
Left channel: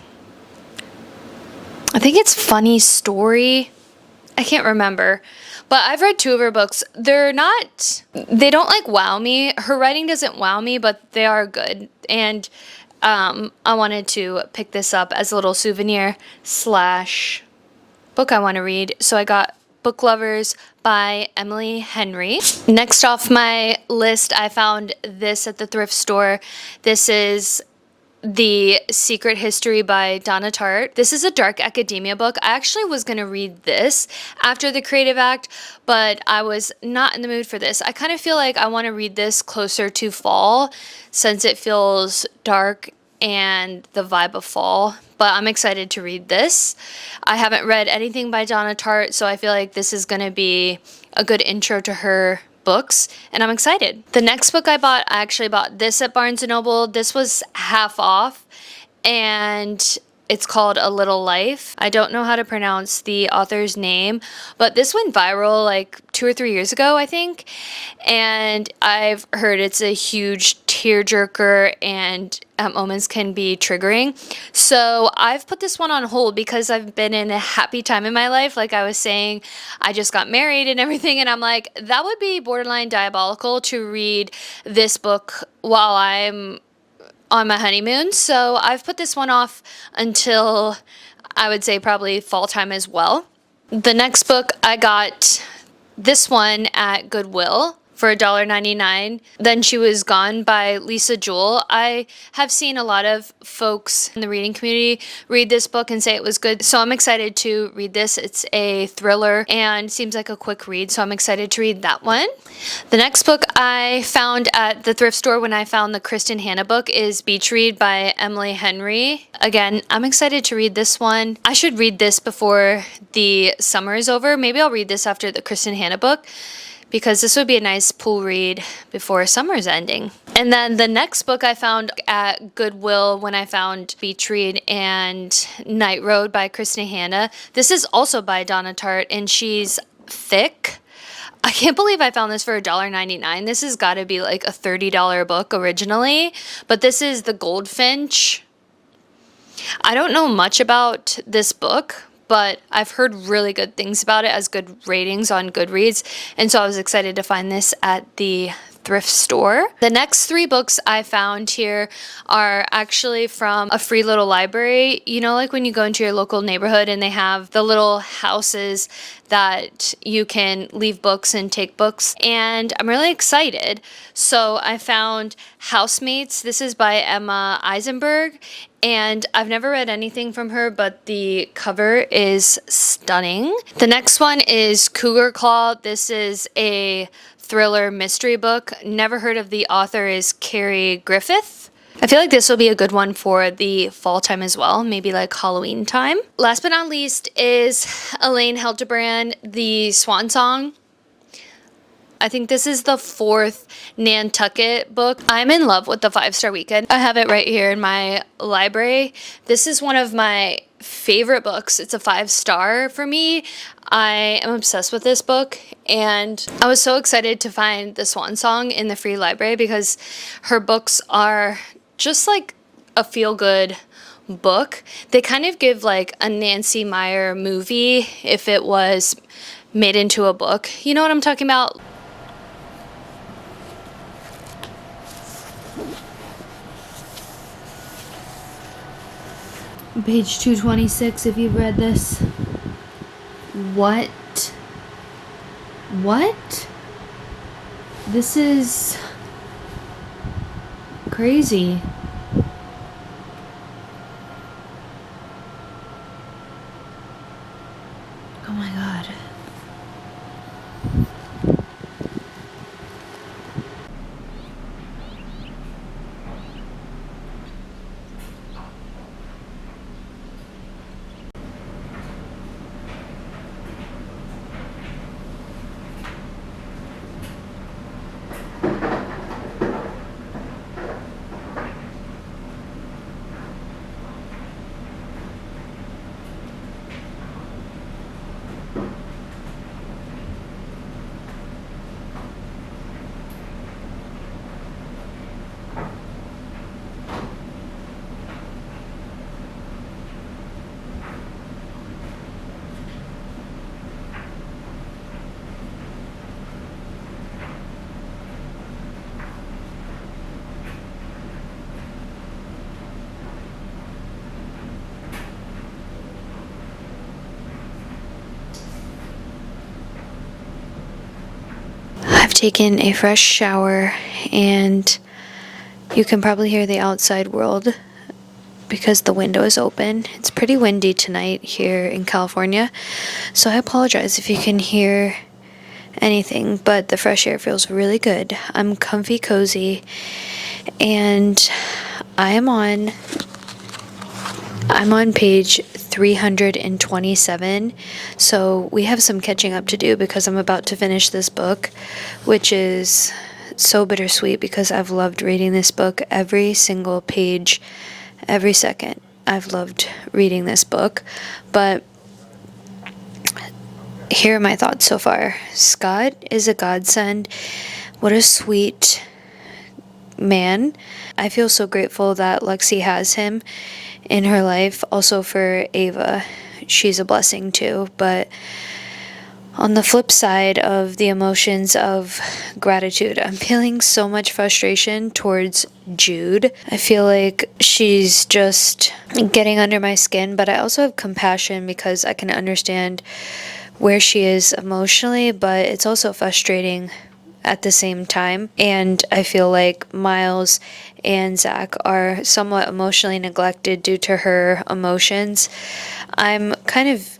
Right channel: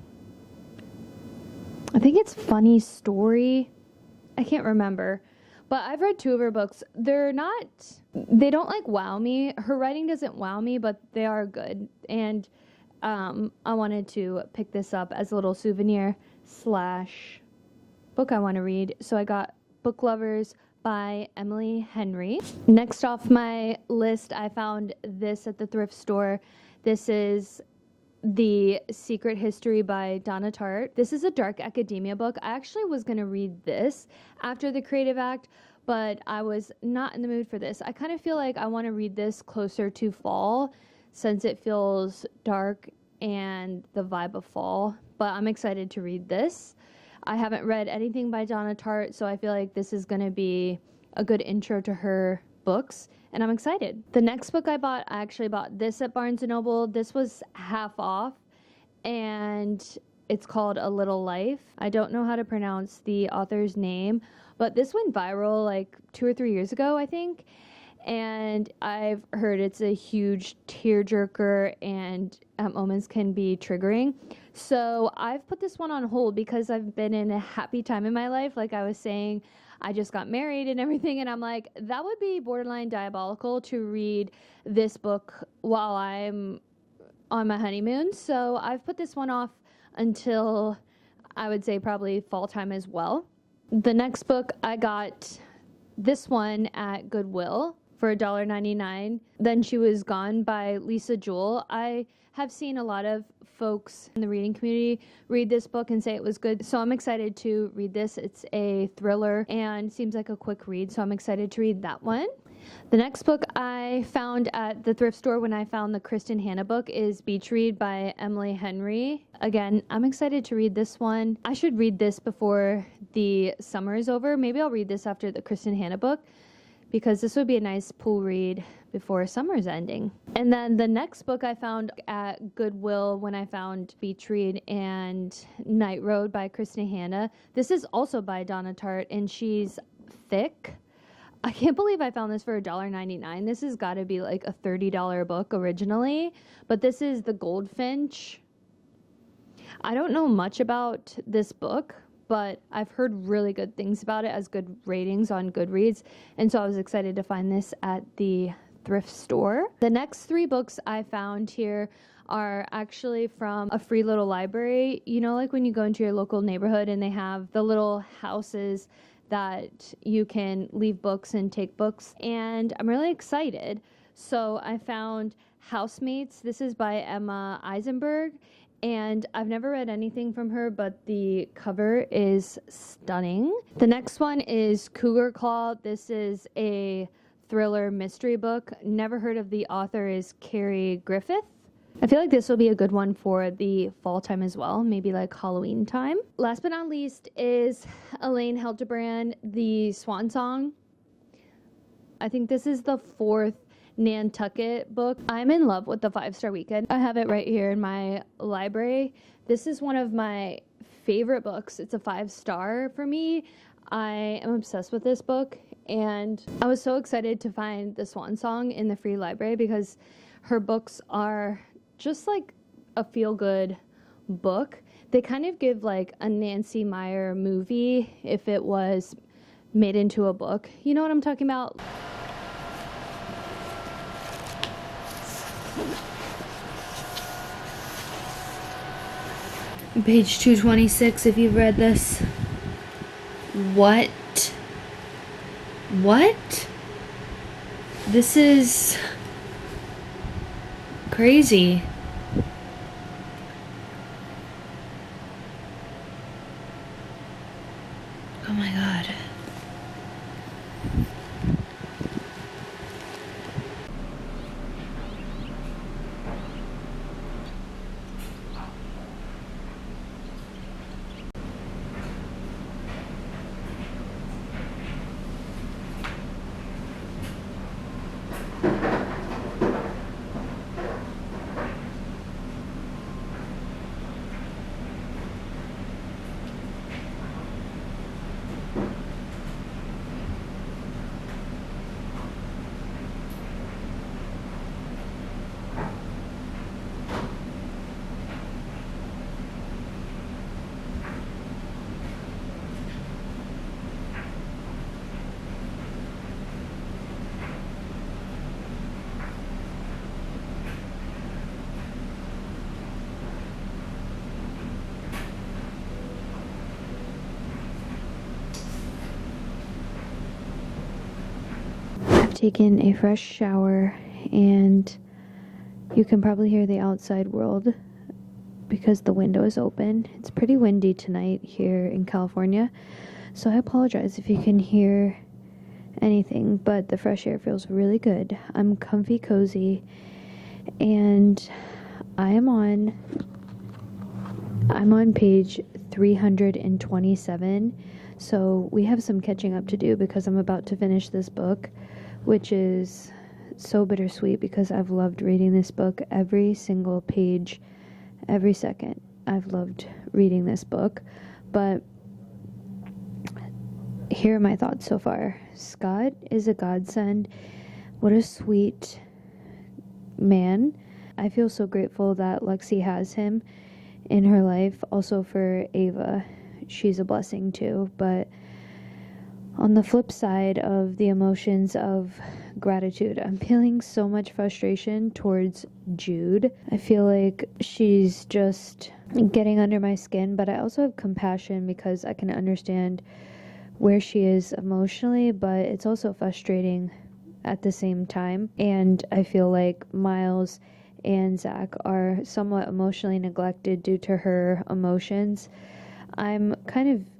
I think it's Funny Story. I can't remember. But I've read two of her books. They don't wow me. Her writing doesn't wow me, but they are good. And I wanted to pick this up as a little souvenir / book I want to read. So I got Book Lovers by Emily Henry. Next off my list, I found this at the thrift store. This is The Secret History by Donna Tartt. This is a dark academia book. I actually was going to read this after the Creative Act, but I was not in the mood for this. I kind of feel like I want to read this closer to fall since it feels dark and the vibe of fall, but I'm excited to read this. I haven't read anything by Donna Tartt, so I feel like this is going to be a good intro to her books, and I'm excited. The next book I actually bought this at Barnes & Noble. This was half off, and it's called A Little Life. I don't know how to pronounce the author's name, but this went viral like 2 or 3 years ago, I think, and I've heard it's a huge tearjerker and at moments can be triggering. So I've put this one on hold because I've been in a happy time in my life. Like I was saying, I just got married and everything, and I'm like, that would be borderline diabolical to read this book while I'm on my honeymoon. So I've put this one off until I would say probably fall time as well. The next book, I got this one at Goodwill for $1.99. Then She Was Gone by Lisa Jewell. I have seen a lot of folks in the reading community read this book and say it was good, so I'm excited to read this. It's a thriller and seems like a quick read, so I'm excited to read that one. The next book I found at the thrift store when I found the Kristin Hannah book is Beach Read by Emily Henry. Again, I'm excited to read this one. I should read this before the summer is over. Maybe I'll read this after the Kristin Hannah book, because this would be a nice pool read before summer's ending. And then the next book I found at Goodwill when I found Beach Read and Night Road by Kristin Hannah. This is also by Donna Tartt, and she's thick. I can't believe I found this for $1.99. This has got to be like a $30 book originally, but this is The Goldfinch. I don't know much about this book, but I've heard really good things about it, as good ratings on Goodreads, and so I was excited to find this at the thrift store. The next 3 books I found here are actually from a free little library. You know, like when you go into your local neighborhood and they have the little houses that you can leave books and take books, and I'm really excited. So I found Housemates. This is by Emma Eisenberg, and I've never read anything from her, but the cover is stunning. The next one is Cougar Claw. This is a thriller mystery book. Never heard of the author, is Carrie Griffith. I feel like this will be a good one for the fall time as well, maybe like Halloween time. Last but not least is Elaine Hildebrand, The Swan Song. I think this is the 4th Nantucket book. I'm in love with the 5-Star Weekend. I have it right here in my library. This is one of my favorite books. It's a 5-star for me. I am obsessed with this book, and I was so excited to find The Swan Song in the free library because her books are just like a feel-good book. They kind of give like a Nancy Meyer movie if it was made into a book. You know what I'm talking about? Page 226, if you've read this. What? This is crazy. Oh my God. I've taken a fresh shower, and you can probably hear the outside world because the window is open. It's pretty windy tonight here in California, so I apologize if you can hear anything, but the fresh air feels really good. I'm comfy cozy, and I'm on page 327, so we have some catching up to do because I'm about to finish this book, which is so bittersweet because I've loved reading this book. Every single page, every second, I've loved reading this book. But here are my thoughts so far. Scott is a godsend. What a sweet man. I feel so grateful that Lexi has him in her life. Also for Ava, she's a blessing too. But on the flip side of the emotions of gratitude, I'm feeling so much frustration towards Jude. I feel like she's just getting under my skin, but I also have compassion because I can understand where she is emotionally, but it's also frustrating at the same time. And I feel like Miles and Zach are somewhat emotionally neglected due to her emotions. I'm kind of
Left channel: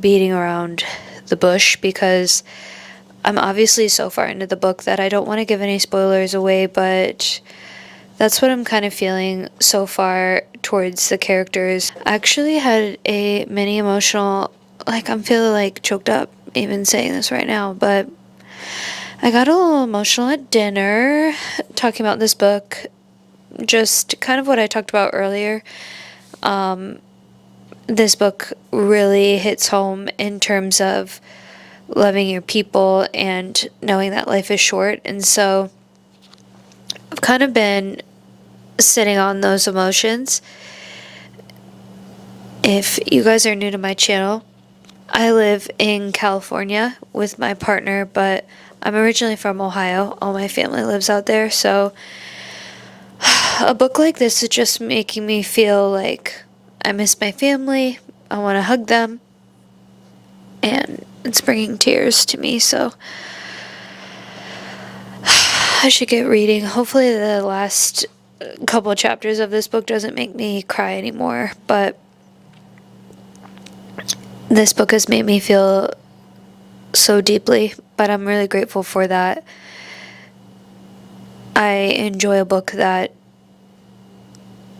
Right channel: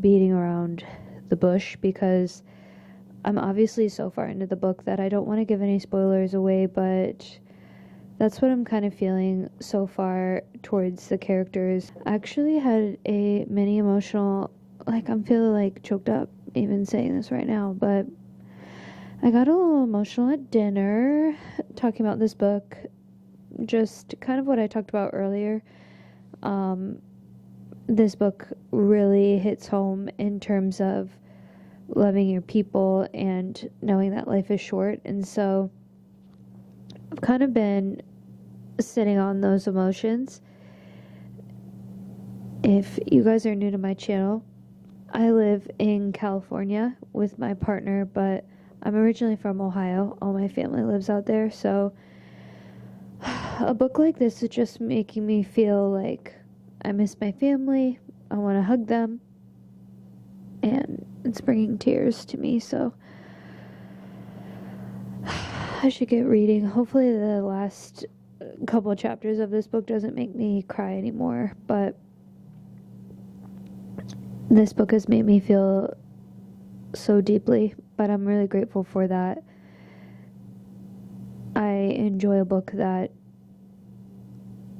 beating around the bush because I'm obviously so far into the book that I don't want to give any spoilers away, but that's what I'm kind of feeling so far towards the characters. I actually had a mini emotional, like I'm feeling like choked up even saying this right now, but I got a little emotional at dinner talking about this book, just kind of what I talked about earlier. This book really hits home in terms of loving your people and knowing that life is short. And so I've kind of been sitting on those emotions. If you guys are new to my channel, I live in California with my partner, but I'm originally from Ohio. All my family lives out there. So a book like this is just making me feel like I miss my family. I want to hug them. And it's bringing tears to me. So I should get reading. Hopefully the last couple of chapters of this book doesn't make me cry anymore. But this book has made me feel so deeply. But I'm really grateful for that. I enjoy a book that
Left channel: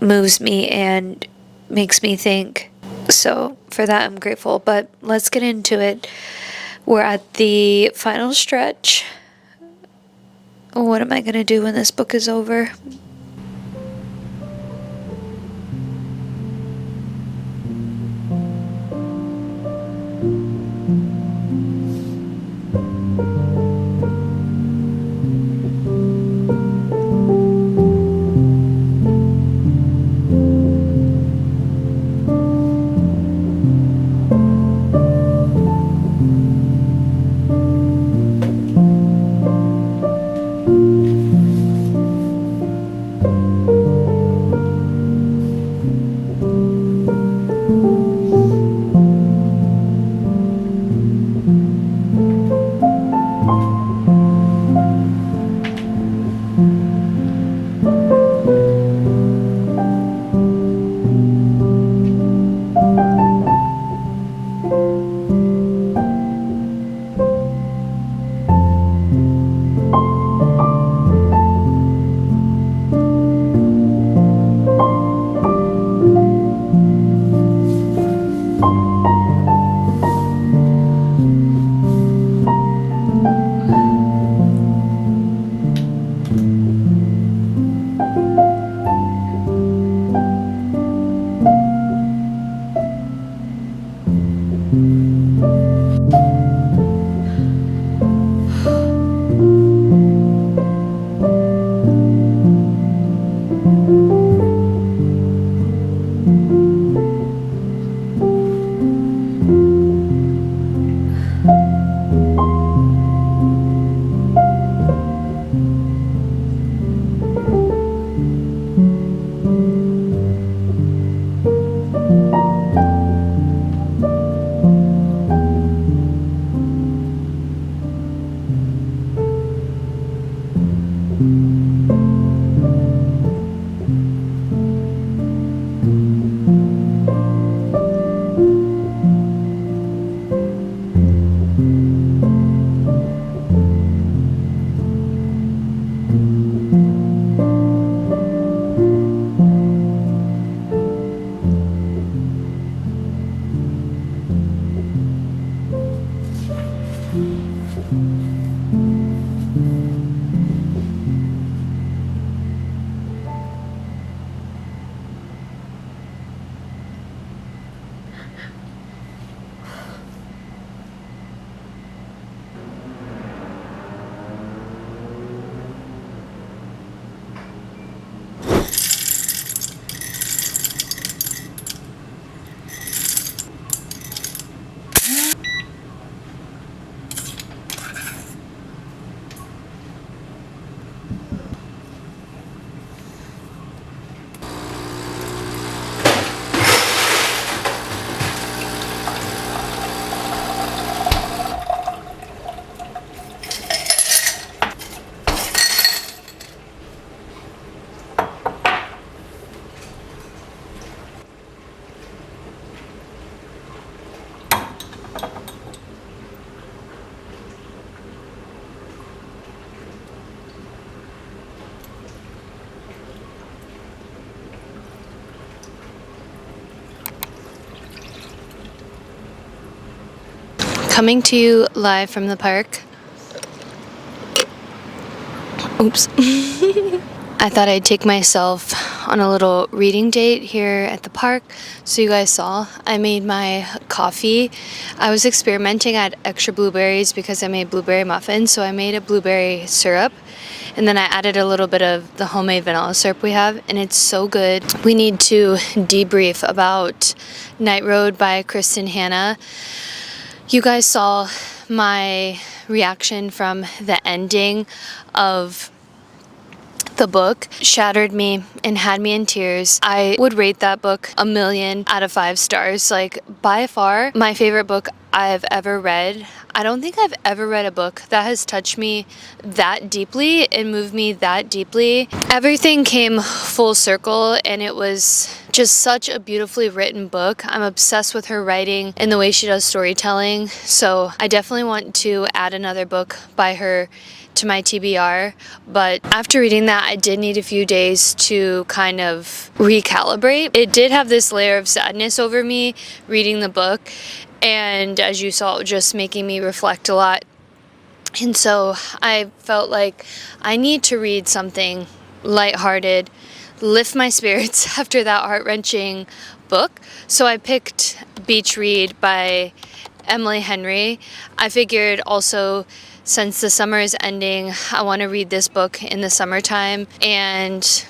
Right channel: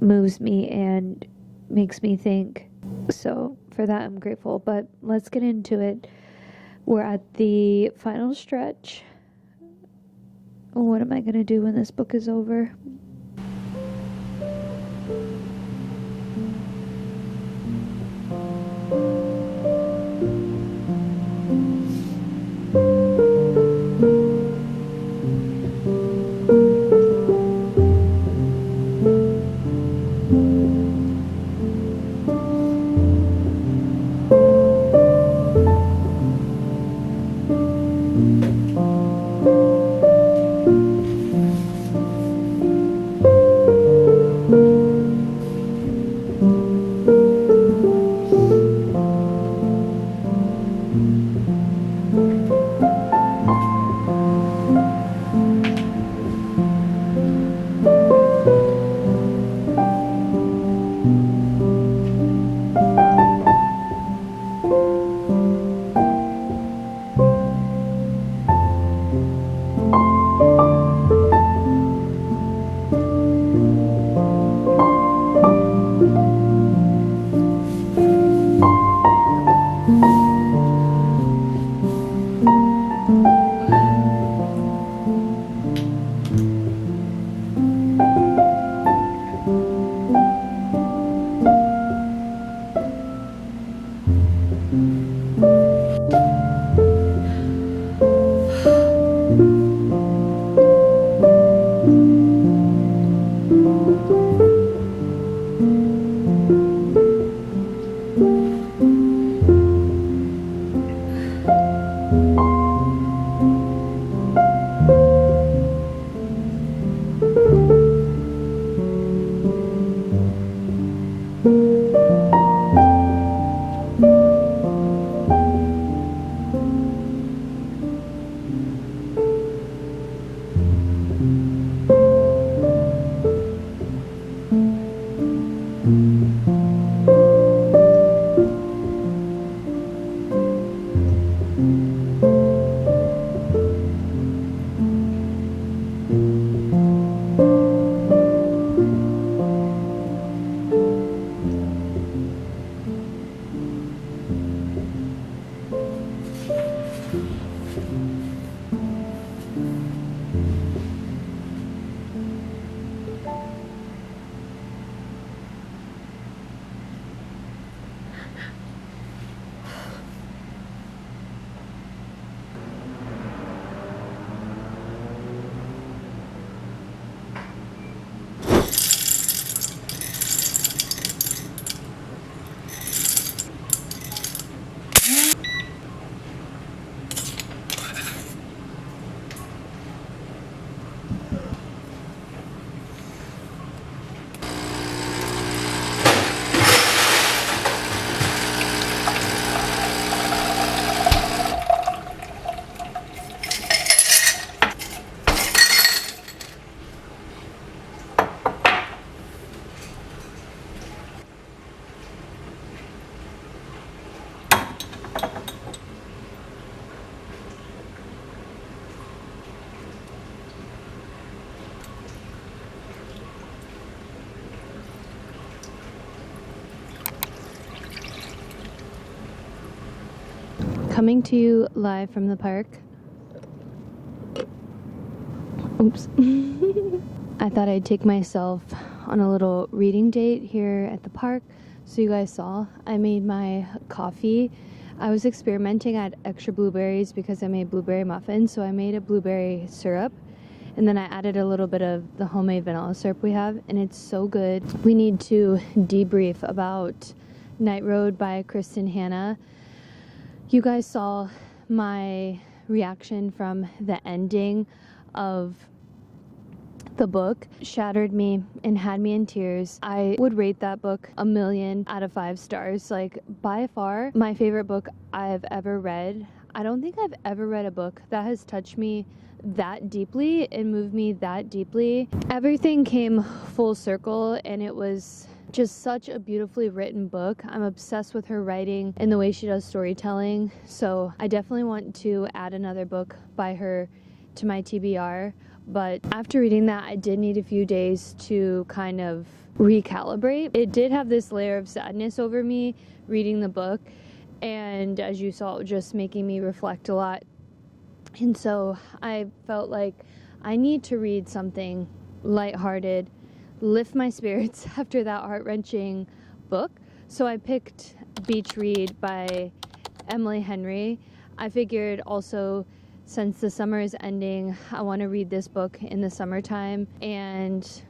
moves me and makes me think. So for that, I'm grateful. But let's get into it. We're at the final stretch. What am I going to do when this book is over? Coming to you live from the park. Oops. I thought I'd take myself on a little reading date here at the park. So you guys saw, I made my coffee. I was experimenting at extra blueberries because I made blueberry muffins. So I made a blueberry syrup. And then I added a little bit of the homemade vanilla syrup we have, and it's so good. We need to debrief about Night Road by Kristin Hannah. You guys saw my reaction from the ending of the book. Shattered me and had me in tears. I would rate that book 1,000,000 out of 5 stars. Like, by far my favorite book I've ever read. I don't think I've ever read a book that has touched me that deeply and moved me that deeply. Everything came full circle, and it was just such a beautifully written book. I'm obsessed with her writing and the way she does storytelling. So I definitely want to add another book by her to my TBR. But after reading that, I did need a few days to kind of recalibrate. It did have this layer of sadness over me reading the book. And as you saw, just making me reflect a lot. And so I felt like I need to read something lighthearted, lift my spirits after that heart-wrenching book. So I picked Beach Read by Emily Henry. I figured also, since the summer is ending, I want to read this book in the summertime and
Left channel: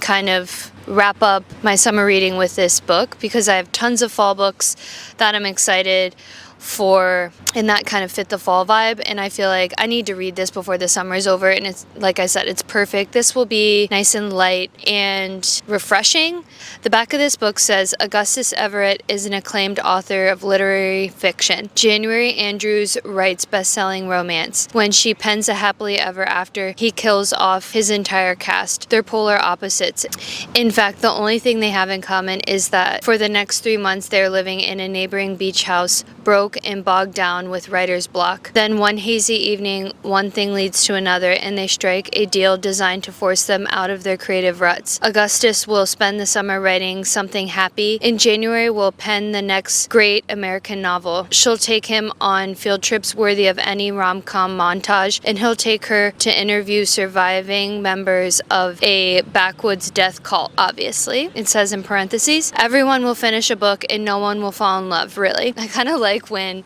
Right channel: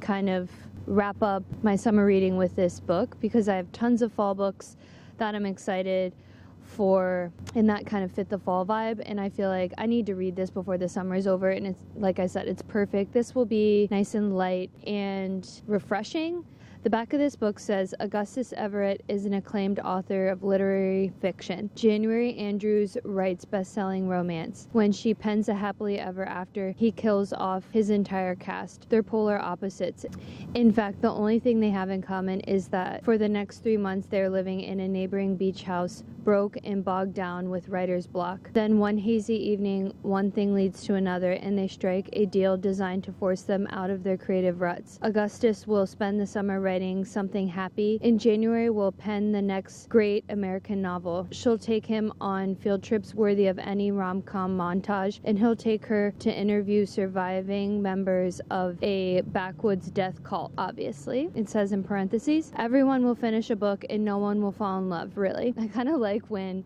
kind of wrap up my summer reading with this book, because I have tons of fall books that I'm excited for and that kind of fit the fall vibe, and I feel like I need to read this before the summer is over. And it's, like I said, it's perfect. This will be nice and light and refreshing. The back of this book says Augustus Everett is an acclaimed author of literary fiction. January Andrews writes best-selling romance. When she pens a happily ever after, he kills off his entire cast. They're polar opposites. In fact, the only thing they have in common is that for the next 3 months they're living in a neighboring beach house, broke and bogged down with writer's block. Then one hazy evening, one thing leads to another, and they strike a deal designed to force them out of their creative ruts. Augustus will spend the summer writing something happy. In January, will pen the next great American novel. She'll take him on field trips worthy of any rom-com montage, and he'll take her to interview surviving members of a backwoods death cult, obviously. It says in parentheses, everyone will finish a book and no one will fall in love, really. I kind of like when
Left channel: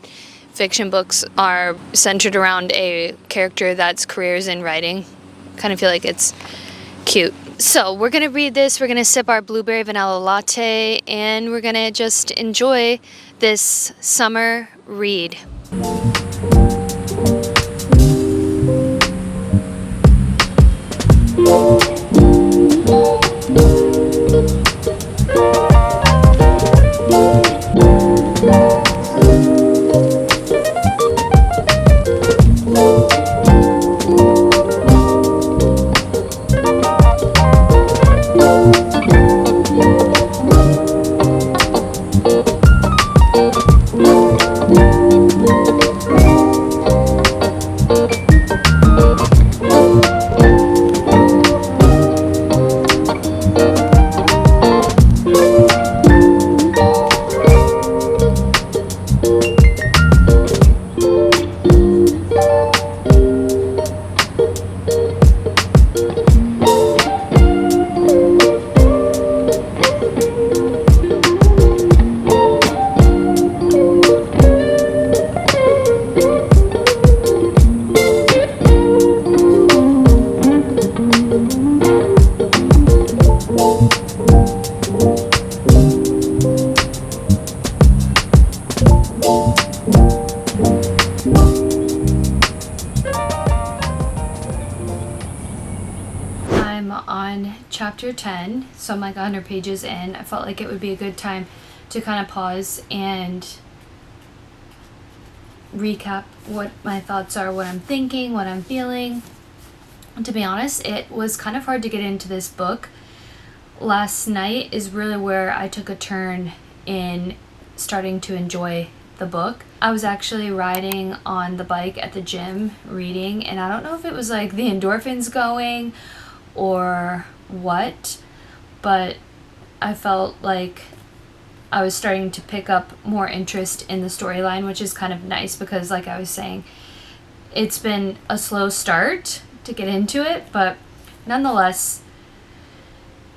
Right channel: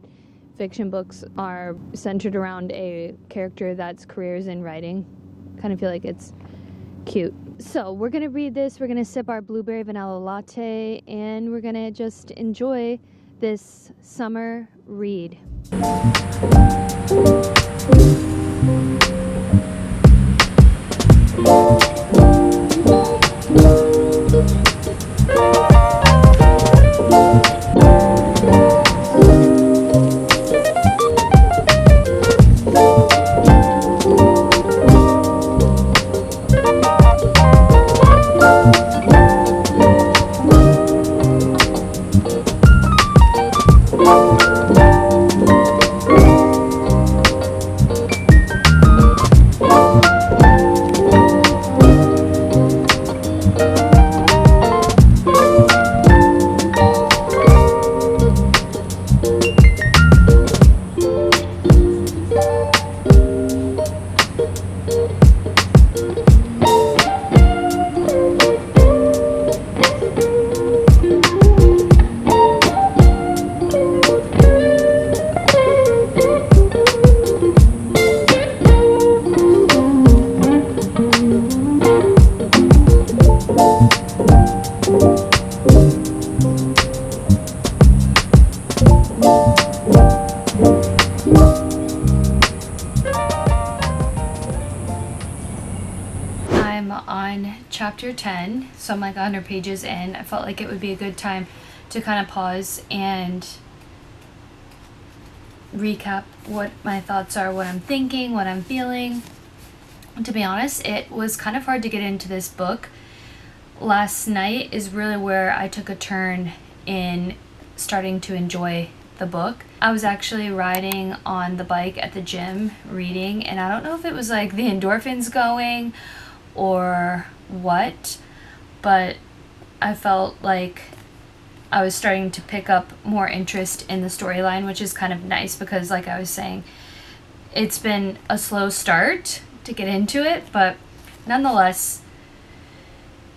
fiction books are centered around a character that's careers in writing. Kind of feel like it's cute. So we're going to read this, we're going to sip our blueberry vanilla latte, and we're going to just enjoy this summer read. I'm on chapter 10, so I'm like 100 pages in. I felt like it would be a good time to kind of pause and recap what my thoughts are, what I'm thinking, what I'm feeling. To be honest, it was kind of hard to get into this book. Last night is really where I took a turn in starting to enjoy the book. I was actually riding on the bike at the gym reading, and I don't know if it was like the endorphins going or what, but I felt like I was starting to pick up more interest in the storyline, which is kind of nice because, like I was saying, it's been a slow start to get into it, but nonetheless,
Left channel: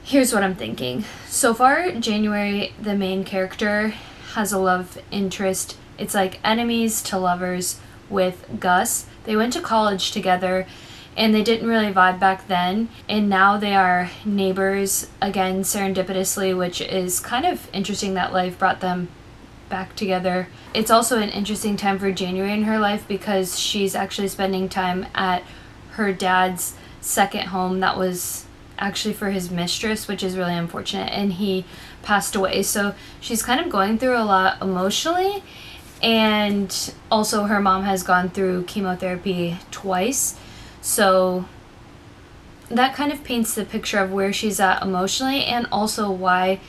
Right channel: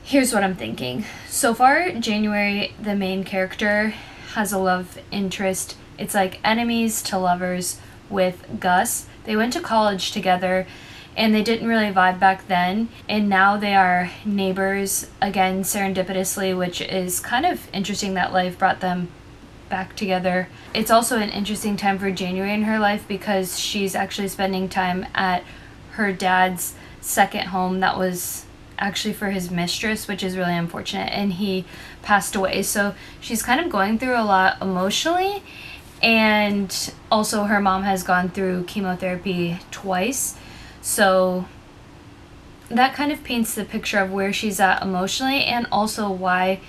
here's what I'm thinking. So far, January, the main character, has a love interest. It's like enemies to lovers with Gus. They went to college together and they didn't really vibe back then, and now they are neighbors again serendipitously, which is kind of interesting that life brought them back together. It's also an interesting time for January in her life because she's actually spending time at her dad's second home that was actually for his mistress, which is really unfortunate, and he passed away. So she's kind of going through a lot emotionally, and also her mom has gone through chemotherapy twice. So that kind of paints the picture of where she's at emotionally, and also why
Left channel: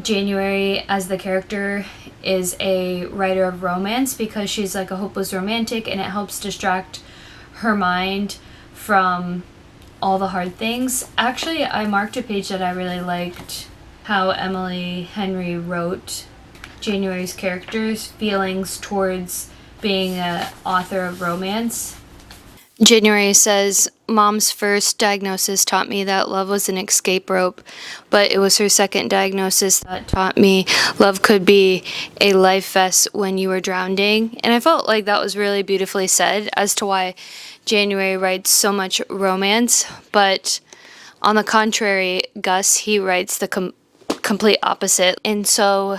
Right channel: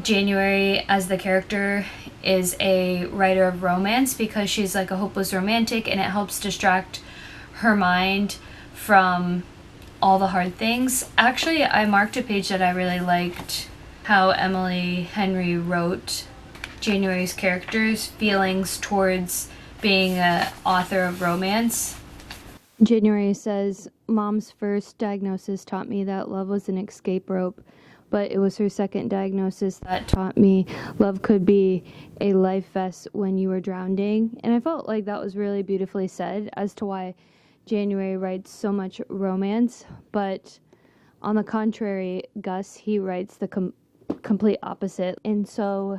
January as the character is a writer of romance, because she's like a hopeless romantic, and it helps distract her mind from all the hard things. Actually, I marked a page that I really liked, how Emily Henry wrote January's character's feelings towards being an author of romance. January says, "Mom's first diagnosis taught me that love was an escape rope, but it was her second diagnosis that taught me love could be a life vest when you were drowning." And I felt like that was really beautifully said as to why January writes so much romance. But on the contrary, Gus, he writes the complete opposite. And so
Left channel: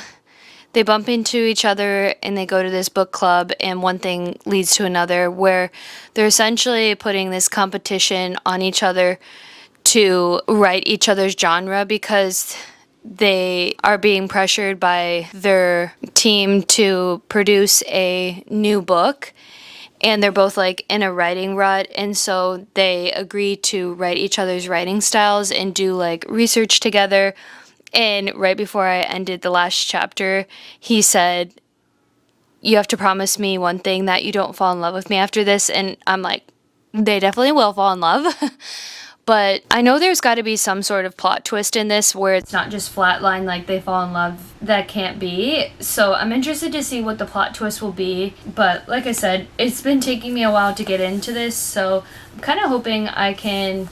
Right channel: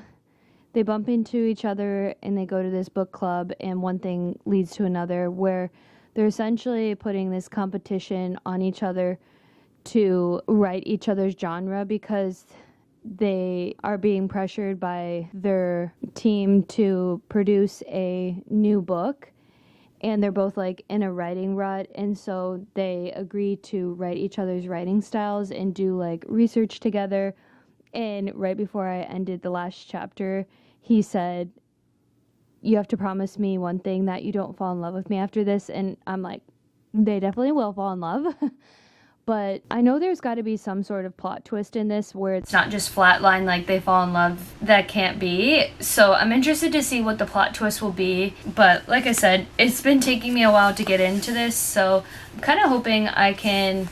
they bump into each other and they go to this book club, and one thing leads to another where they're essentially putting this competition on each other to write each other's genre, because they are being pressured by their team to produce a new book, and they're both like in a writing rut, and so they agree to write each other's writing styles and do like research together. And right before I ended the last chapter, he said, "You have to promise me one thing, that you don't fall in love with me after this." And I'm like, they definitely will fall in love. But I know there's got to be some sort of plot twist in this where it's not just flatline, like they fall in love. That can't be. So I'm interested to see what the plot twist will be. But like I said, it's been taking me a while to get into this. So I'm kind of hoping I can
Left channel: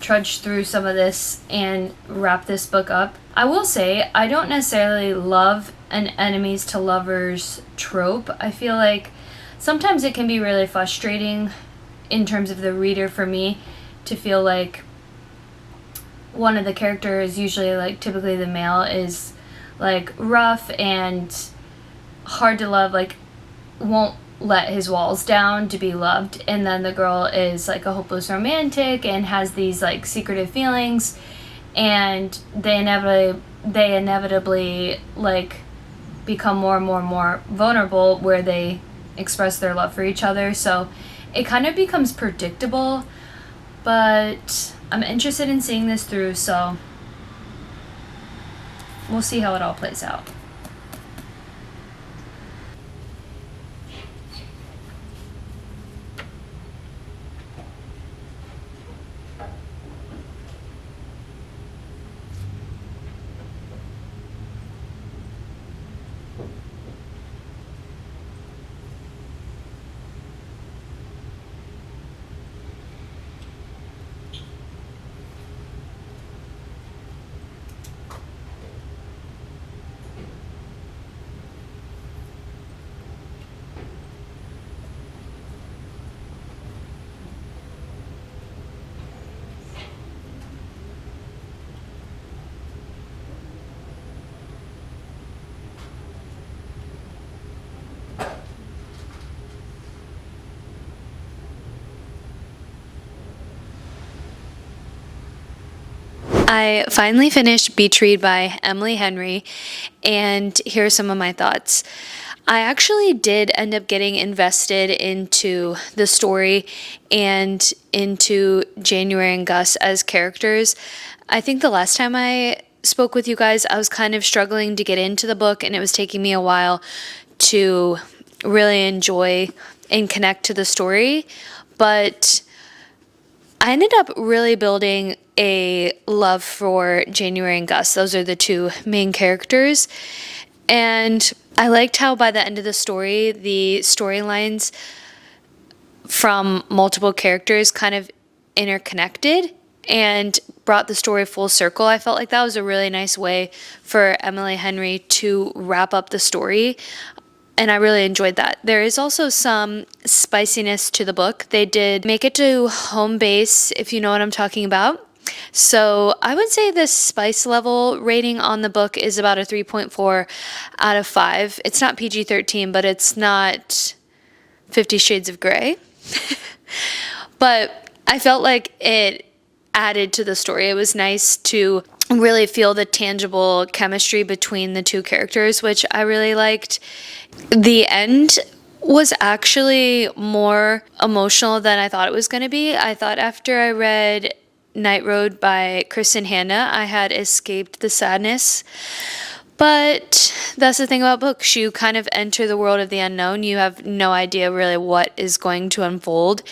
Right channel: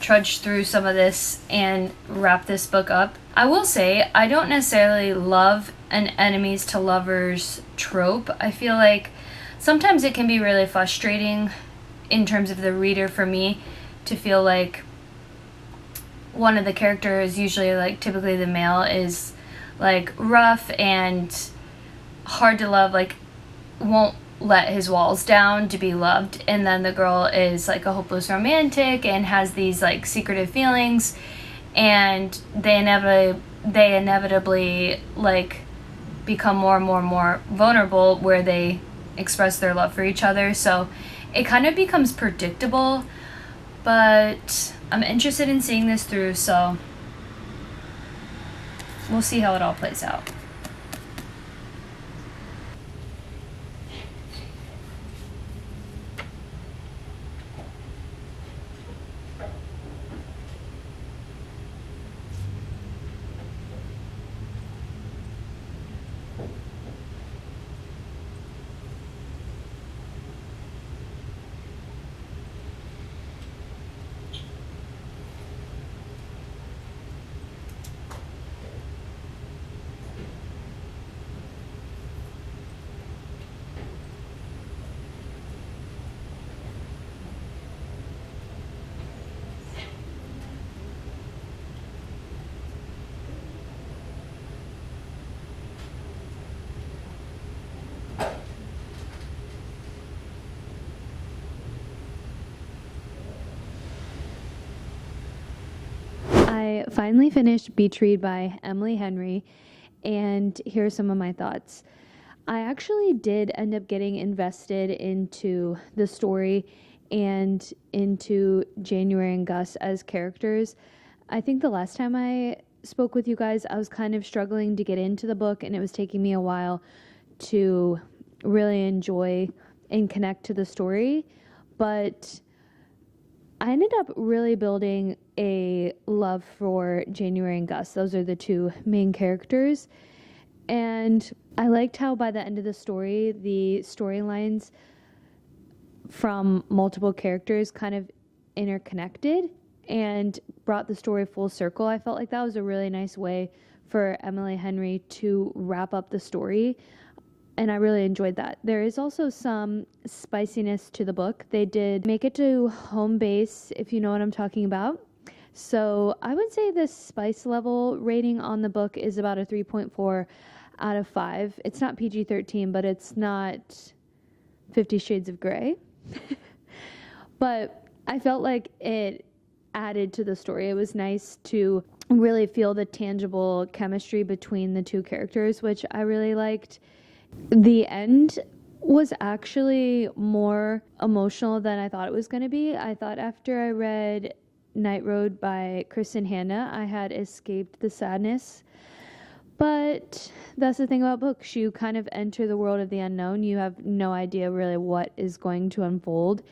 trudge through some of this and wrap this book up. I will say, I don't necessarily love an enemies to lovers trope. I feel like sometimes it can be really frustrating in terms of the reader for me to feel like one of the characters, usually like typically the male, is like rough and hard to love, like won't let his walls down to be loved, and then the girl is like a hopeless romantic and has these like secretive feelings, and they inevitably like become more and more vulnerable where they express their love for each other. So it kind of becomes predictable, but I'm interested in seeing this through, so we'll see how it all plays out. I finally finished Beach Read by Emily Henry, and here are some of my thoughts. I actually did end up getting invested into the story and into January and Gus as characters. I think the last time I spoke with you guys, I was kind of struggling to get into the book, and it was taking me a while to really enjoy and connect to the story. But I ended up really building a love for January and Gus. Those are the two main characters. And I liked how by the end of the story, the storylines from multiple characters kind of interconnected and brought the story full circle. I felt like that was a really nice way for Emily Henry to wrap up the story. And I really enjoyed that. There is also some spiciness to the book. They did make it to home base, if you know what I'm talking about. So I would say the spice level rating on the book is about a 3.4 out of 5. It's not PG-13, but it's not 50 Shades of Grey. But I felt like it added to the story. It was nice to really feel the tangible chemistry between the two characters, which I really liked. The end was actually more emotional than I thought it was going to be. I thought after I read Night Road by Kristin I had escaped the sadness. But that's the thing about books. You kind of enter the world of the unknown. You have no idea really what is going to unfold.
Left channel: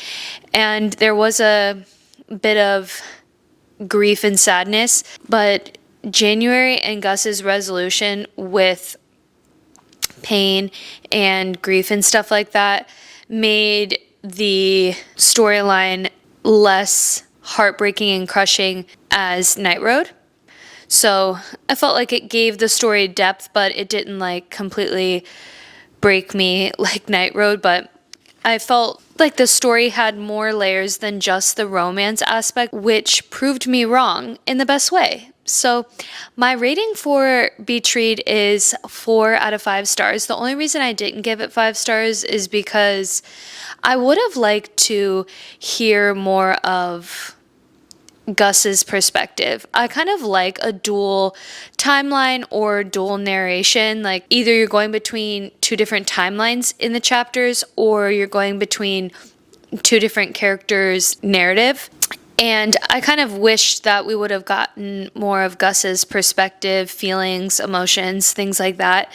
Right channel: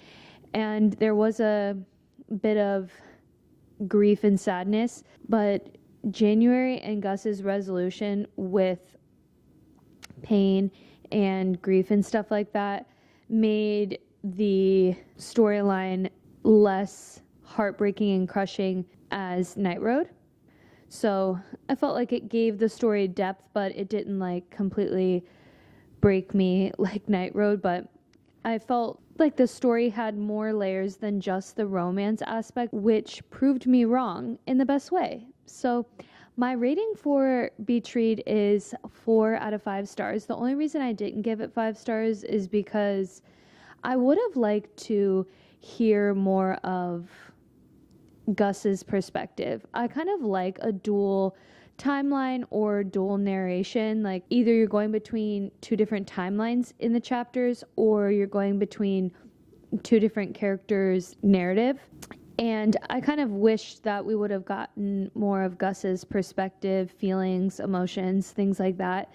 And there was a bit of grief and sadness, but January and Gus's resolution with pain and grief and stuff like that made the storyline less heartbreaking and crushing as Night Road. So I felt like it gave the story depth, but it didn't like completely break me like Night Road. But I felt like the story had more layers than just the romance aspect, which proved me wrong in the best way. So my rating for Beach Read is 4 out of 5 stars. The only reason I didn't give it 5 stars is because I would have liked to hear more of Gus's perspective. I kind of like a dual timeline or dual narration. Like either you're going between two different timelines in the chapters or you're going between two different characters' narrative. And I kind of wish that we would have gotten more of Gus's perspective, feelings, emotions, things like that.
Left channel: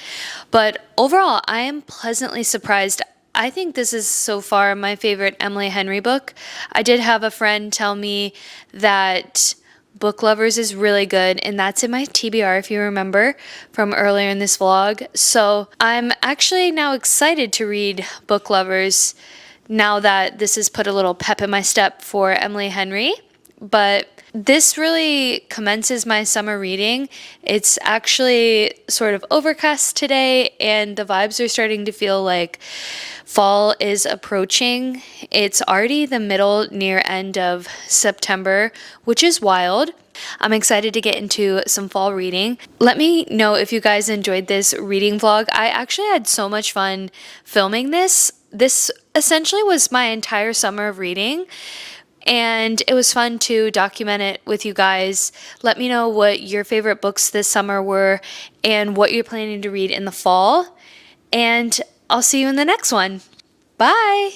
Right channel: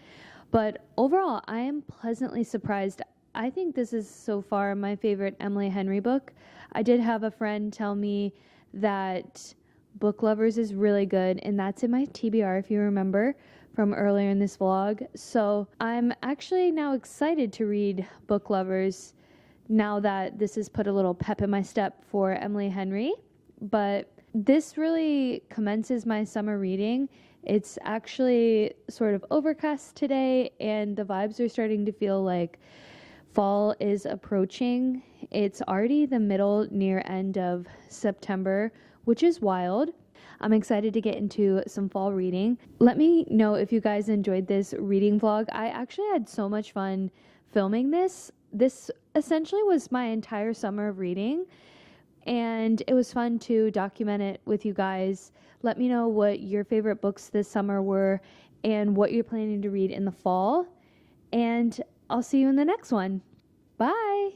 But overall, I am pleasantly surprised. I think this is so far my favorite Emily Henry book. I did have a friend tell me that Book Lovers is really good, and that's in my TBR if you remember from earlier in this vlog. So I'm actually now excited to read Book Lovers now that this has put a little pep in my step for Emily Henry. But this really commences my summer reading. It's actually sort of overcast today, and the vibes are starting to feel like fall is approaching. It's already the middle near end of September, which is wild. I'm excited to get into some fall reading. Let me know if you guys enjoyed this reading vlog. I actually had so much fun filming this. This essentially was my entire summer of reading, and it was fun to document it with you guys. Let me know what your favorite books this summer were and what you're planning to read in the fall. And I'll see you in the next one. Bye!